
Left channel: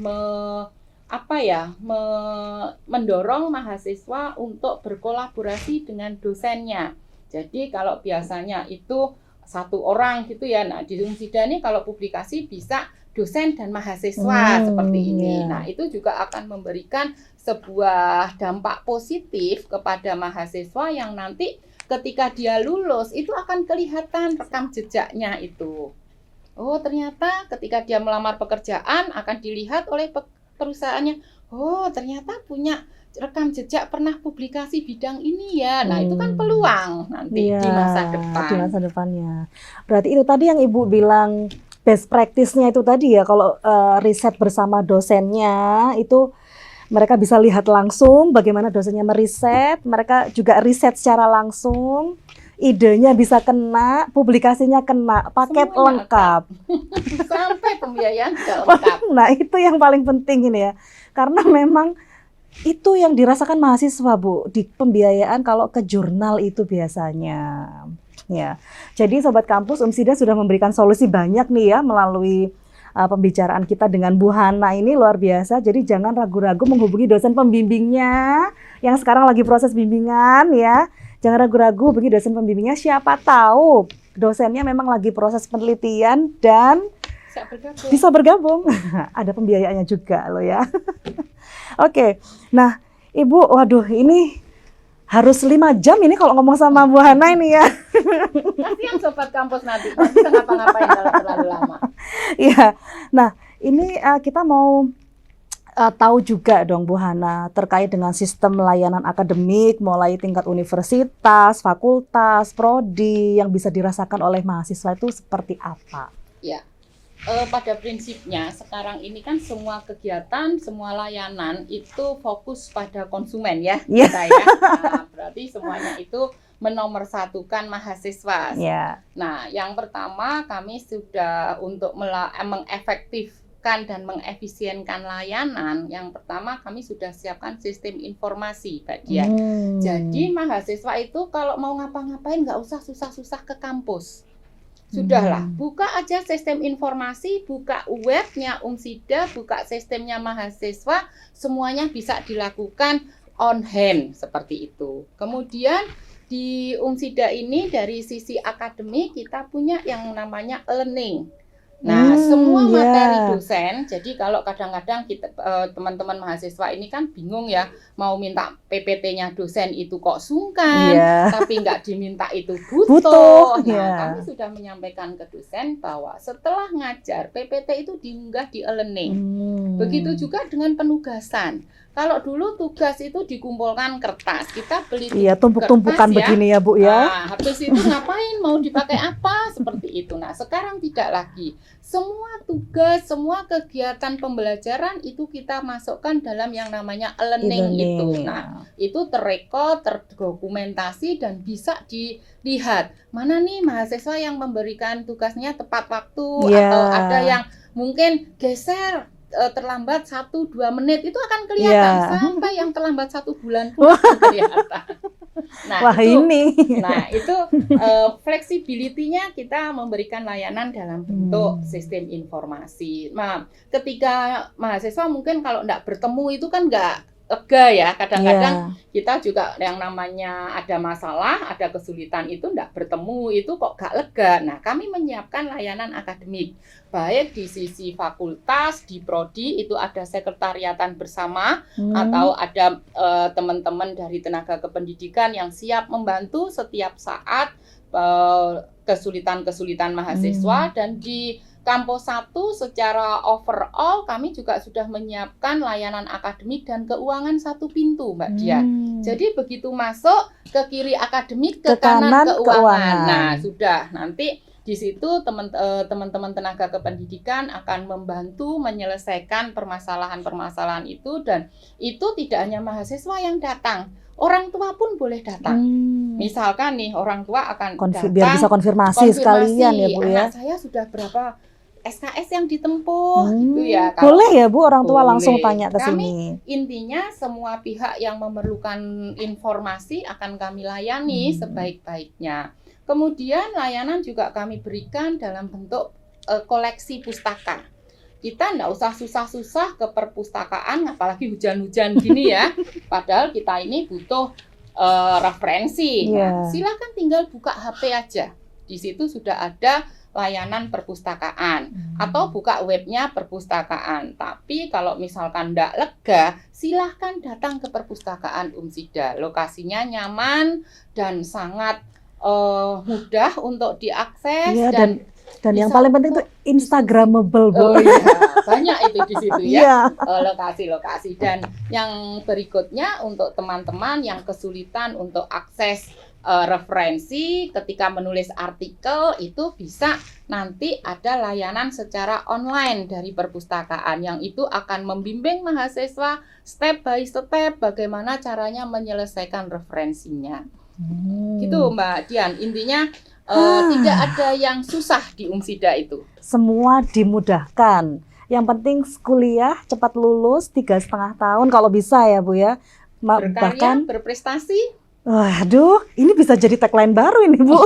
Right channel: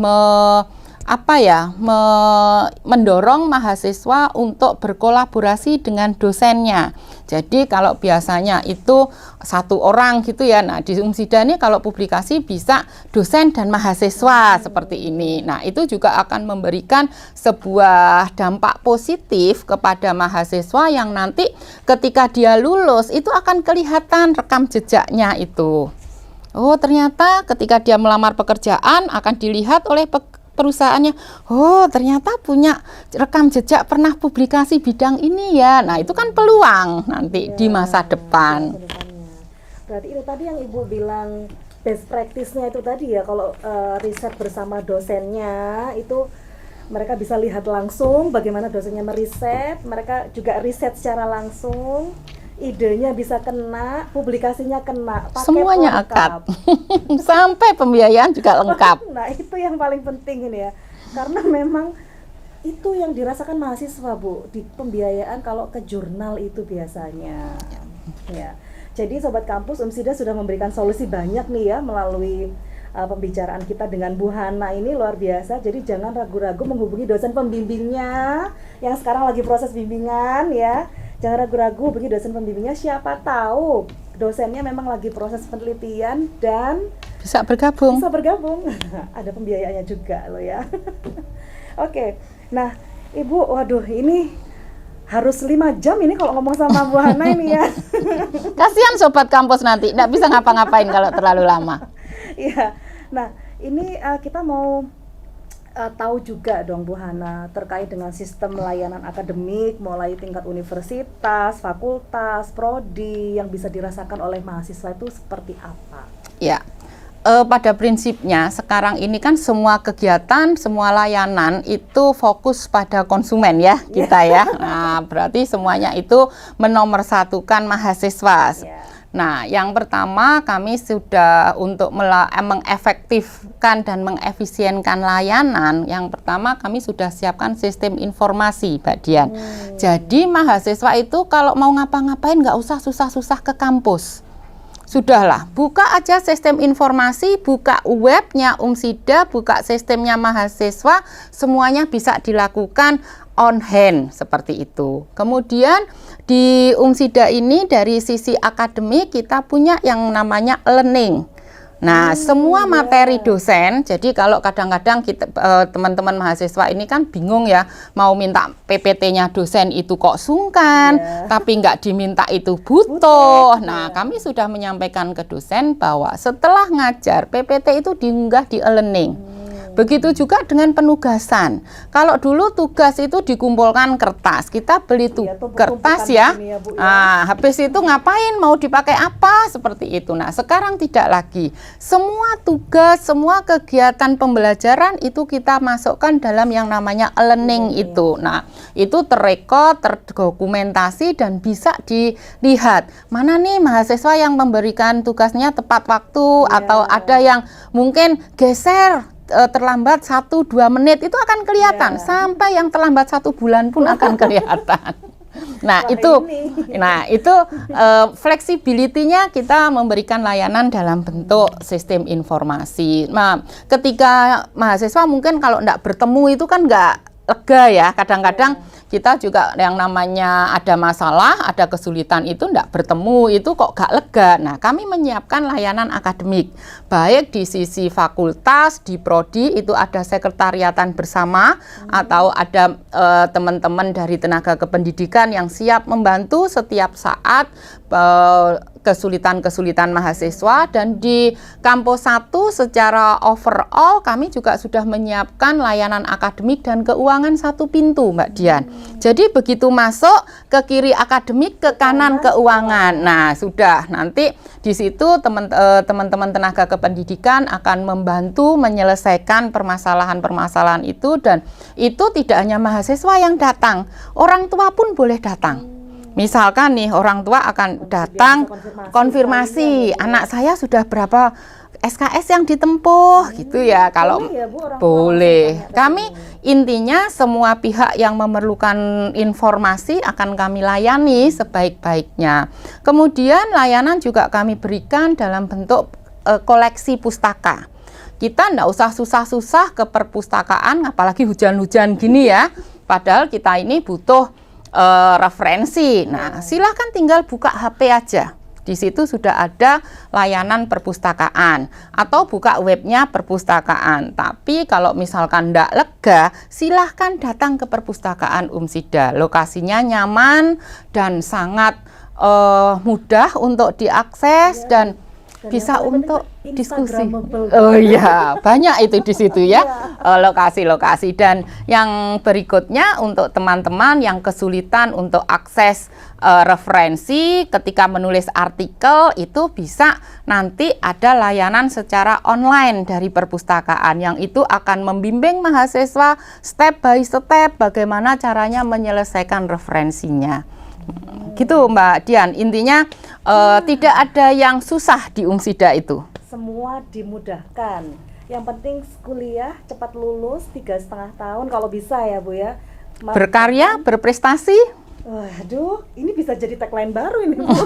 mendorong mahasiswa untuk berkolaborasi dengan dosennya. Jadi kalau biasanya itu satu orang gitu ya, nah di Umsida ini kalau publikasi bisa dosen dan mahasiswa seperti ini. Nah, itu juga akan memberikan sebuah dampak positif kepada mahasiswa yang nanti ketika dia lulus itu akan kelihatan rekam jejaknya itu. Oh, ternyata ketika dia melamar pekerjaan akan dilihat oleh perusahaannya, oh ternyata punya rekam jejak pernah publikasi bidang ini ya. Nah, itu kan peluang nanti di masa depan. Di masa depannya. Berarti itu tadi yang Ibu bilang best practice-nya itu tadi ya, kalau riset bersama dosennya itu Mereka bisa lihat langsung bagaimana dosennya meriset, mereka juga riset secara langsung, idenya bisa kena, publikasinya kena, paket Semuanya lengkap. Sampai pembiayaan juga lengkap. Nah, itu yang paling penting ini ya. Karena memang itu yang dirasakan mahasiswa, Bu, di pembiayaan kalau ke jurnal itu biasanya. Ya. Jadi Sobat Kampus, Umsida sudah memberikan solusi banyak nih ya melalui pembicaraan kita dengan Bu Hana ini luar biasa. Jadi jangan ragu-ragu menghubungi dosen pembimbingnya yang sekarang lagi proses bimbingan ya. Jangan ragu-ragu hubungi dosen pembimbingnya, siapa tahu dosennya memang lagi proses penelitian dan Bisa bergabung. bisa bergabung. Ada pembiayaannya juga loh ya. Oke, nah Ibu, waduh ini harus 5 jam ini kalau ngomong sama Bu Hana ini ya. Kasihan Sobat Kampus nanti, nggak bisa ngapa-ngapain kalau terlalu lama. Iya, nah ini kita mau tahu juga dong Bu Hana terkait dengan sistem layanan akademik mulai tingkat universitas, fakultas, prodi yang bisa dirasakan oleh mahasiswa itu seperti apa? Ya, pada prinsipnya sekarang ini kan semua kegiatan, semua layanan itu fokus pada konsumen ya kita ya. Nah, berarti semuanya itu menomorsatukan mahasiswa. Nah, yang pertama kami sudah untuk mengefektifkan dan mengefisienkan layanan. Yang pertama kami sudah siapkan sistem informasi, Mbak Dian. Jadi mahasiswa itu kalau mau ngapa-ngapain nggak usah susah-susah ke kampus. Sudahlah, buka aja sistem informasi, buka webnya Umsida, buka sistemnya mahasiswa, semuanya bisa dilakukan on hand seperti itu. Kemudian di Umsida ini dari sisi akademik kita punya yang namanya learning. Nah, semua materi dosen, jadi kalau kadang-kadang kita teman-teman mahasiswa ini kan bingung ya, mau minta PPT-nya dosen itu kok sungkan, tapi nggak diminta itu butuh. Nah, kami sudah menyampaikan ke dosen bahwa setelah ngajar, PPT itu diunggah di e-learning. Begitu juga dengan penugasan. Kalau dulu tugas itu dikumpulkan kertas, kita beli kertas ya. Begini ya, Bu, ya. Nah, habis itu ngapain, mau dipakai apa, seperti itu. Nah, sekarang tidak lagi. Semua tugas, semua kegiatan pembelajaran itu kita masukkan dalam yang namanya e-learning itu. Nah, itu terrekod, terdokumentasi dan bisa dilihat mana nih mahasiswa yang memberikan tugasnya tepat waktu atau ada yang mungkin geser terlambat 1-2 menit, itu akan kelihatan sampai yang terlambat 1 bulan pun akan kelihatan. Nah, itu fleksibilitinya kita memberikan layanan dalam bentuk sistem informasi. Nah, ketika mahasiswa mungkin kalau enggak bertemu itu kan enggak lega ya, kadang-kadang kita juga yang namanya ada masalah, ada kesulitan itu enggak bertemu, itu kok gak lega. Nah, kami menyiapkan layanan akademik, baik di sisi fakultas, di prodi itu ada sekretariatan bersama, atau ada teman-teman dari tenaga kependidikan yang siap membantu setiap saat kesulitan-kesulitan mahasiswa. Dan di kampus 1 secara overall kami juga sudah menyiapkan layanan akademik dan keuangan 1 pintu, Mbak Dian. Jadi begitu masuk ke kiri akademik, ke kanan keuangan. Nah, sudah nanti di situ teman-teman tenaga kependidikan akan membantu menyelesaikan permasalahan-permasalahan itu, dan itu tidak hanya mahasiswa yang datang, orang tua pun boleh datang. Misalkan nih orang tua akan datang konfirmasi anak saya sudah berapa SKS yang ditempuh gitu ya. Kalau boleh ya Bu, orang tua langsung tanya ke kami sini. Intinya semua pihak yang memerlukan informasi akan kami layani sebaik-baiknya. Kemudian layanan juga kami berikan dalam bentuk koleksi pustaka. Kita nggak usah susah-susah ke perpustakaan, apalagi hujan-hujan gini ya. Padahal kita ini butuh referensi. Nah, silakan tinggal buka HP aja. Di situ sudah ada layanan perpustakaan, atau buka webnya perpustakaan. Tapi kalau misalkan tidak lega, silahkan datang ke perpustakaan Umsida. Lokasinya nyaman dan sangat mudah untuk diakses, dan Dan yang bisa paling penting untuk itu Instagramable. Oh iya, banyak itu di situ ya, Iya. lokasi-lokasi. Dan yang berikutnya untuk teman-teman yang kesulitan untuk akses referensi ketika menulis artikel, itu bisa nanti ada layanan secara online dari perpustakaan yang itu akan membimbing mahasiswa step by step bagaimana caranya menyelesaikan referensinya. Gitu Mbak Dian, intinya tidak ada yang susah di Umsida itu. Semua dimudahkan. Yang penting kuliah cepat lulus 3,5 tahun kalau bisa ya Bu ya. Berkarya, Bahkan- berprestasi. Waduh, ini bisa jadi tagline baru ini Bu.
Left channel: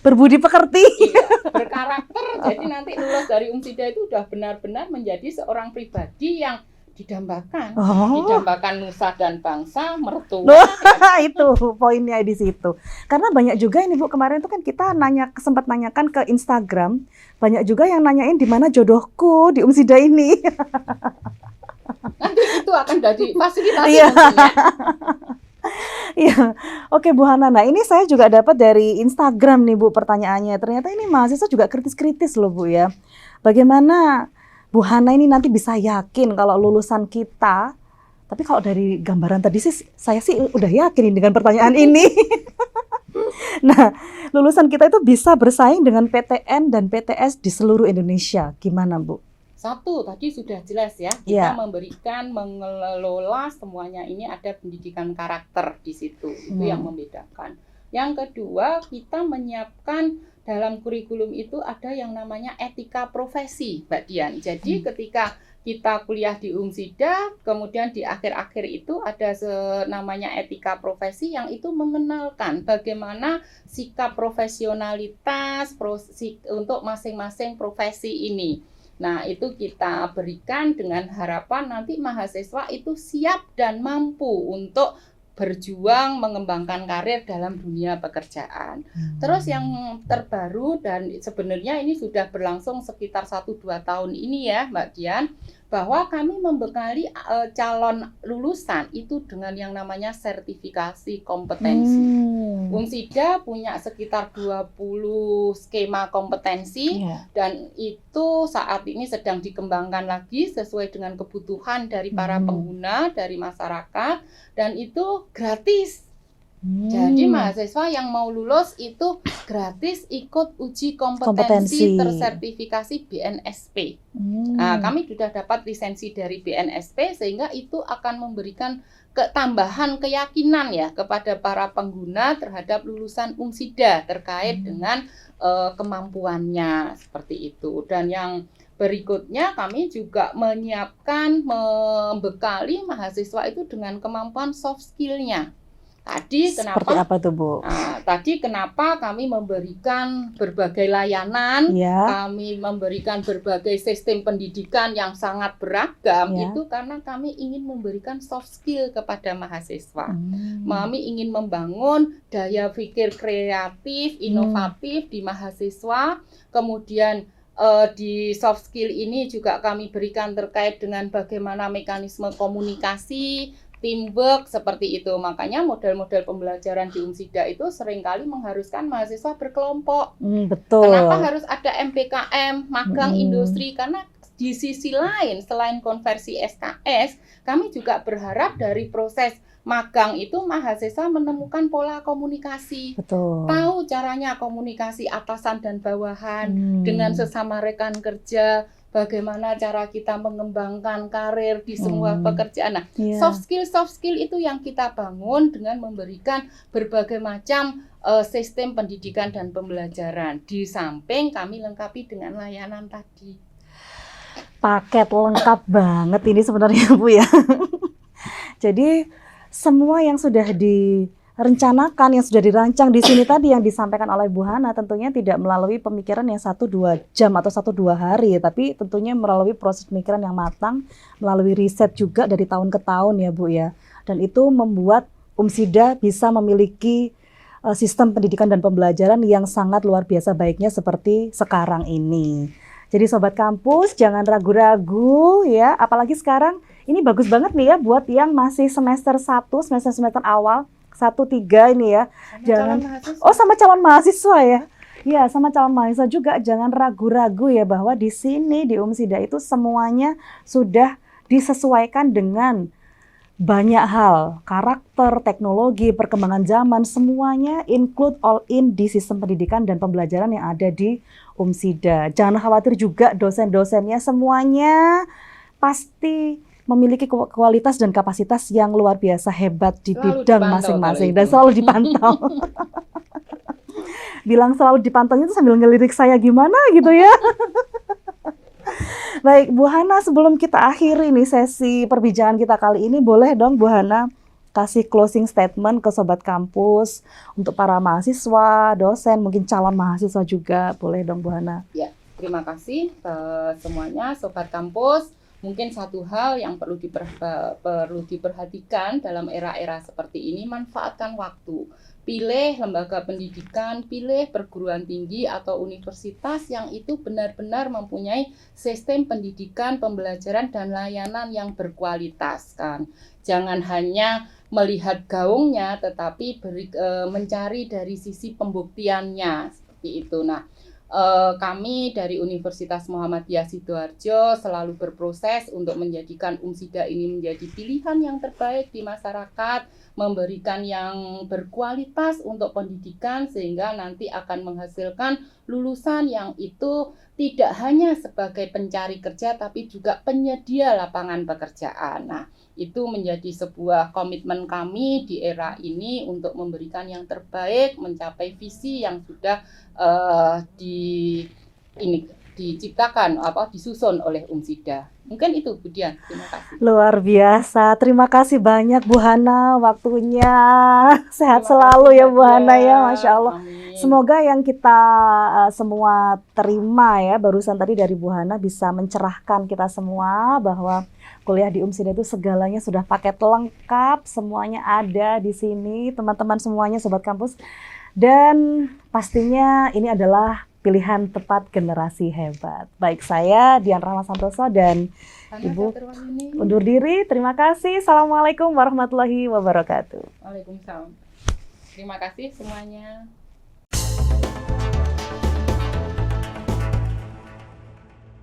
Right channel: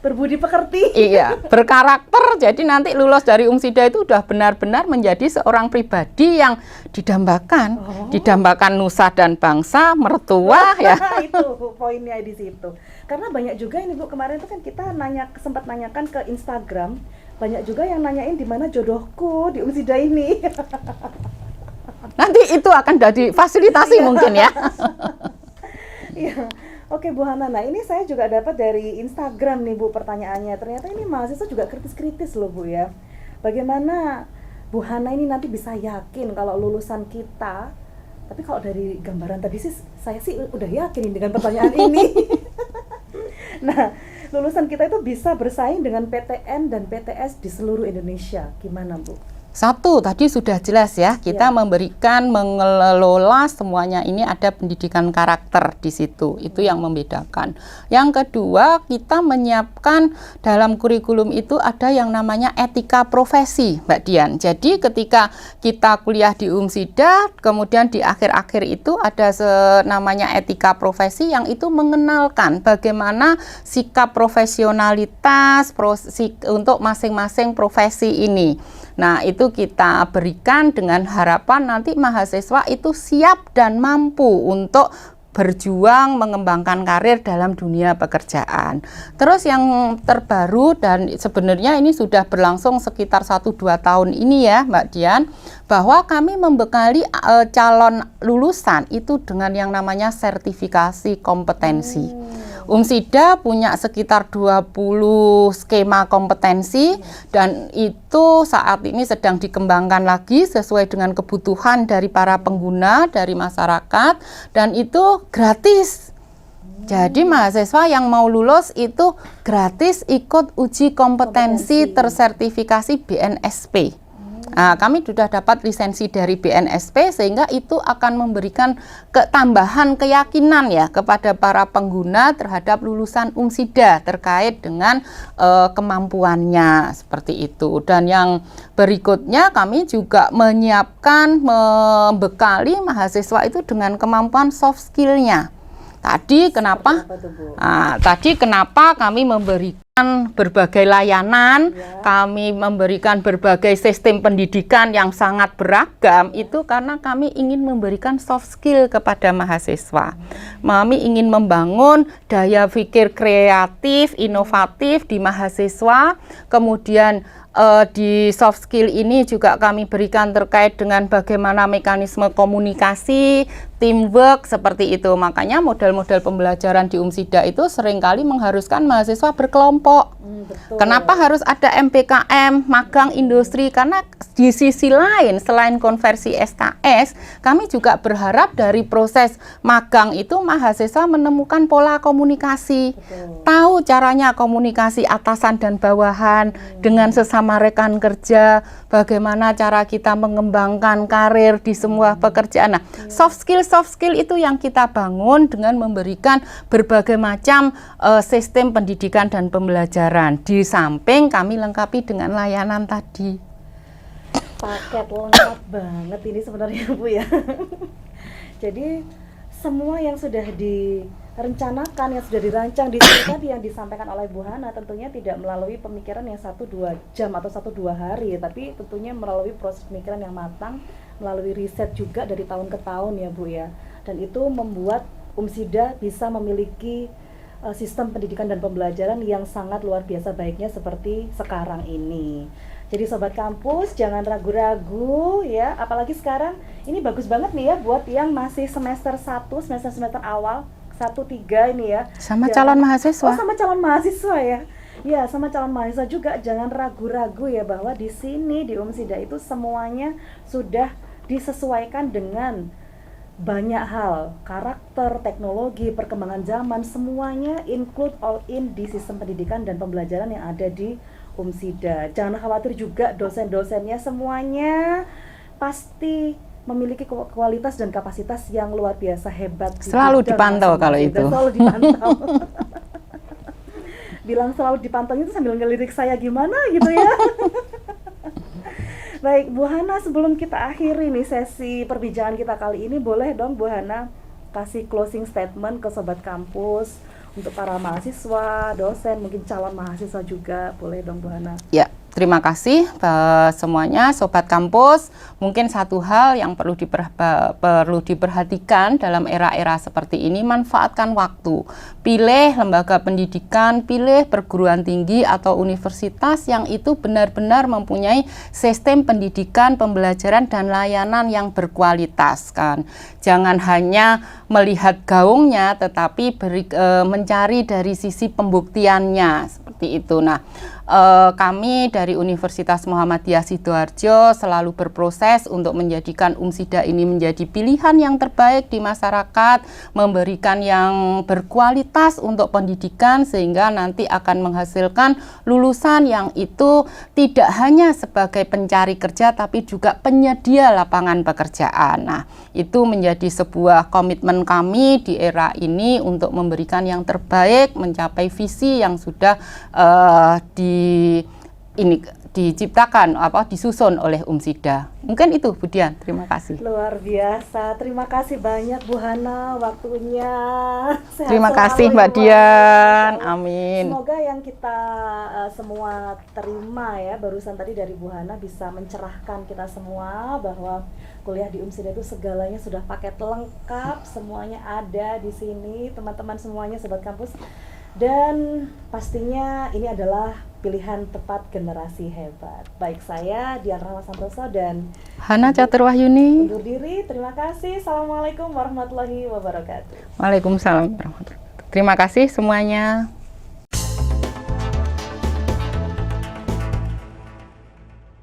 Berbudi pekerti. Iya, berkarakter. Jadi nanti lulus dari Umsida itu udah benar-benar menjadi seorang pribadi yang didambakan. Oh. Didambakan nusa dan bangsa, mertua ya. Itu poinnya di situ. Karena banyak juga ini Bu, kemarin itu kan kita sempat nanyakan ke Instagram, banyak juga yang nanyain di mana jodohku di Umsida ini. Nanti itu akan jadi fasilitasi Iya. mungkin ya. Iya, oke Bu Hana. Nah ini saya juga dapat dari Instagram nih Bu pertanyaannya. Ternyata ini mahasiswa juga kritis-kritis loh Bu ya. Bagaimana Bu Hana ini nanti bisa yakin kalau lulusan kita, tapi kalau dari gambaran tadi sih saya sih udah yakin dengan pertanyaan ini. Nah, lulusan kita itu bisa bersaing dengan PTN dan PTS di seluruh Indonesia. Gimana Bu? Satu, tadi sudah jelas ya, kita Ya. memberikan, mengelola semuanya ini ada pendidikan karakter di situ, itu yang membedakan. Yang kedua, kita menyiapkan dalam kurikulum itu ada yang namanya etika profesi, Mbak Dian. Jadi ketika kita kuliah di Umsida, kemudian di akhir-akhir itu ada namanya etika profesi yang itu mengenalkan bagaimana sikap profesionalitas untuk masing-masing profesi ini. Nah, itu kita berikan dengan harapan nanti mahasiswa itu siap dan mampu untuk berjuang mengembangkan karir dalam dunia pekerjaan. Terus yang terbaru dan sebenarnya ini sudah berlangsung sekitar 1-2 tahun ini ya Mbak Dian, bahwa kami membekali calon lulusan itu dengan yang namanya sertifikasi kompetensi. Umsida punya sekitar 20 skema kompetensi dan itu saat ini sedang dikembangkan lagi sesuai dengan kebutuhan dari para pengguna, dari masyarakat, dan itu gratis. Jadi mahasiswa yang mau lulus itu gratis ikut uji kompetensi tersertifikasi BNSP. Nah, kami sudah dapat lisensi dari BNSP sehingga itu akan memberikan tambahan keyakinan ya kepada para pengguna terhadap lulusan Umsida terkait dengan kemampuannya seperti itu. Dan yang berikutnya kami juga menyiapkan, membekali mahasiswa itu dengan kemampuan soft skill-nya. Tadi kenapa? Seperti apa tuh Bu? Tadi kenapa kami memberikan berbagai layanan, Ya. kami memberikan berbagai sistem pendidikan yang sangat beragam, Ya. itu karena kami ingin memberikan soft skill kepada mahasiswa. Kami ingin membangun daya pikir kreatif, inovatif di mahasiswa, kemudian di soft skill ini juga kami berikan terkait dengan bagaimana mekanisme komunikasi, teamwork seperti itu. Makanya model-model pembelajaran di Umsida itu seringkali mengharuskan mahasiswa berkelompok. Betul. Kenapa harus ada MPKM, magang industri? Karena di sisi lain, selain konversi SKS, kami juga berharap dari proses magang itu mahasiswa menemukan pola komunikasi. Betul. Tahu caranya komunikasi atasan dan bawahan dengan sesama rekan kerja, bagaimana cara kita mengembangkan karir di semua pekerjaan. Nah, soft skill itu yang kita bangun dengan memberikan berbagai macam sistem pendidikan dan pembelajaran. Di samping kami lengkapi dengan layanan tadi. Paket lengkap banget ini sebenarnya Bu ya. Jadi semua yang sudah direncanakan, yang sudah dirancang di sini tadi yang disampaikan oleh Bu Hana tentunya tidak melalui pemikiran yang 1-2 jam atau 1-2 hari, tapi tentunya melalui proses pemikiran yang matang, melalui riset juga dari tahun ke tahun ya Bu ya. Dan itu membuat Umsida bisa memiliki sistem pendidikan dan pembelajaran yang sangat luar biasa baiknya seperti sekarang ini. Jadi Sobat Kampus jangan ragu-ragu ya, apalagi sekarang ini bagus banget nih ya buat yang masih semester 1, semester awal 1-3 ini ya. Sama calon mahasiswa. Oh, sama calon mahasiswa ya. Ya, sama calon mahasiswa juga jangan ragu-ragu ya bahwa di sini di Umsida itu semuanya sudah disesuaikan dengan banyak hal, karakter, teknologi, perkembangan zaman, semuanya include all in di sistem pendidikan dan pembelajaran yang ada di Umsida. Jangan khawatir juga dosen-dosennya semuanya pasti memiliki kualitas dan kapasitas yang luar biasa hebat di Selalu bidang dipantau kalau masing-masing itu. dan selalu dipantau. Bilang selalu dipantau itu sambil ngelirik saya gimana gitu ya. Baik, Bu Hana, sebelum kita akhiri nih sesi perbincangan kita kali ini, boleh dong Bu Hana kasih closing statement ke Sobat Kampus untuk para mahasiswa, dosen, mungkin calon mahasiswa juga, boleh dong Bu Hana. Ya, terima kasih semuanya Sobat Kampus. Mungkin satu hal yang perlu diperhatikan dalam era-era seperti ini, manfaatkan waktu. Pilih lembaga pendidikan, pilih perguruan tinggi atau universitas yang itu benar-benar mempunyai sistem pendidikan, pembelajaran, dan layanan yang berkualitas kan. Jangan hanya melihat gaungnya, tetapi mencari dari sisi pembuktiannya, seperti itu. Nah, kami dari Universitas Muhammadiyah Sidoarjo selalu berproses untuk menjadikan Umsida ini menjadi pilihan yang terbaik di masyarakat, memberikan yang berkualitas untuk pendidikan sehingga nanti akan menghasilkan lulusan yang itu tidak hanya sebagai pencari kerja tapi juga penyedia lapangan pekerjaan. Nah, itu menjadi sebuah komitmen kami di era ini untuk memberikan yang terbaik, mencapai visi yang sudah diciptakan disusun oleh Umsida. Mungkin itu Bu Dian, terima kasih. Luar biasa, terima kasih banyak Bu Hana waktunya. Sehat Terima selalu kasih ya Mbak Bu Dian. Hana ya, Masya Allah. Amin. Semoga yang kita semua terima ya barusan tadi dari Bu Hana bisa mencerahkan kita semua bahwa kuliah di Umsida itu segalanya sudah paket lengkap, semuanya ada di sini, teman-teman semuanya Sobat Kampus. Dan pastinya ini adalah pilihan tepat generasi hebat. Baik, saya Dian Rahma Santoso dan Hana Catur Wahyuni undur diri. Terima kasih. Assalamualaikum warahmatullahi wabarakatuh. Waalaikumsalam warahmatullahi wabarakatuh. Terima kasih semuanya.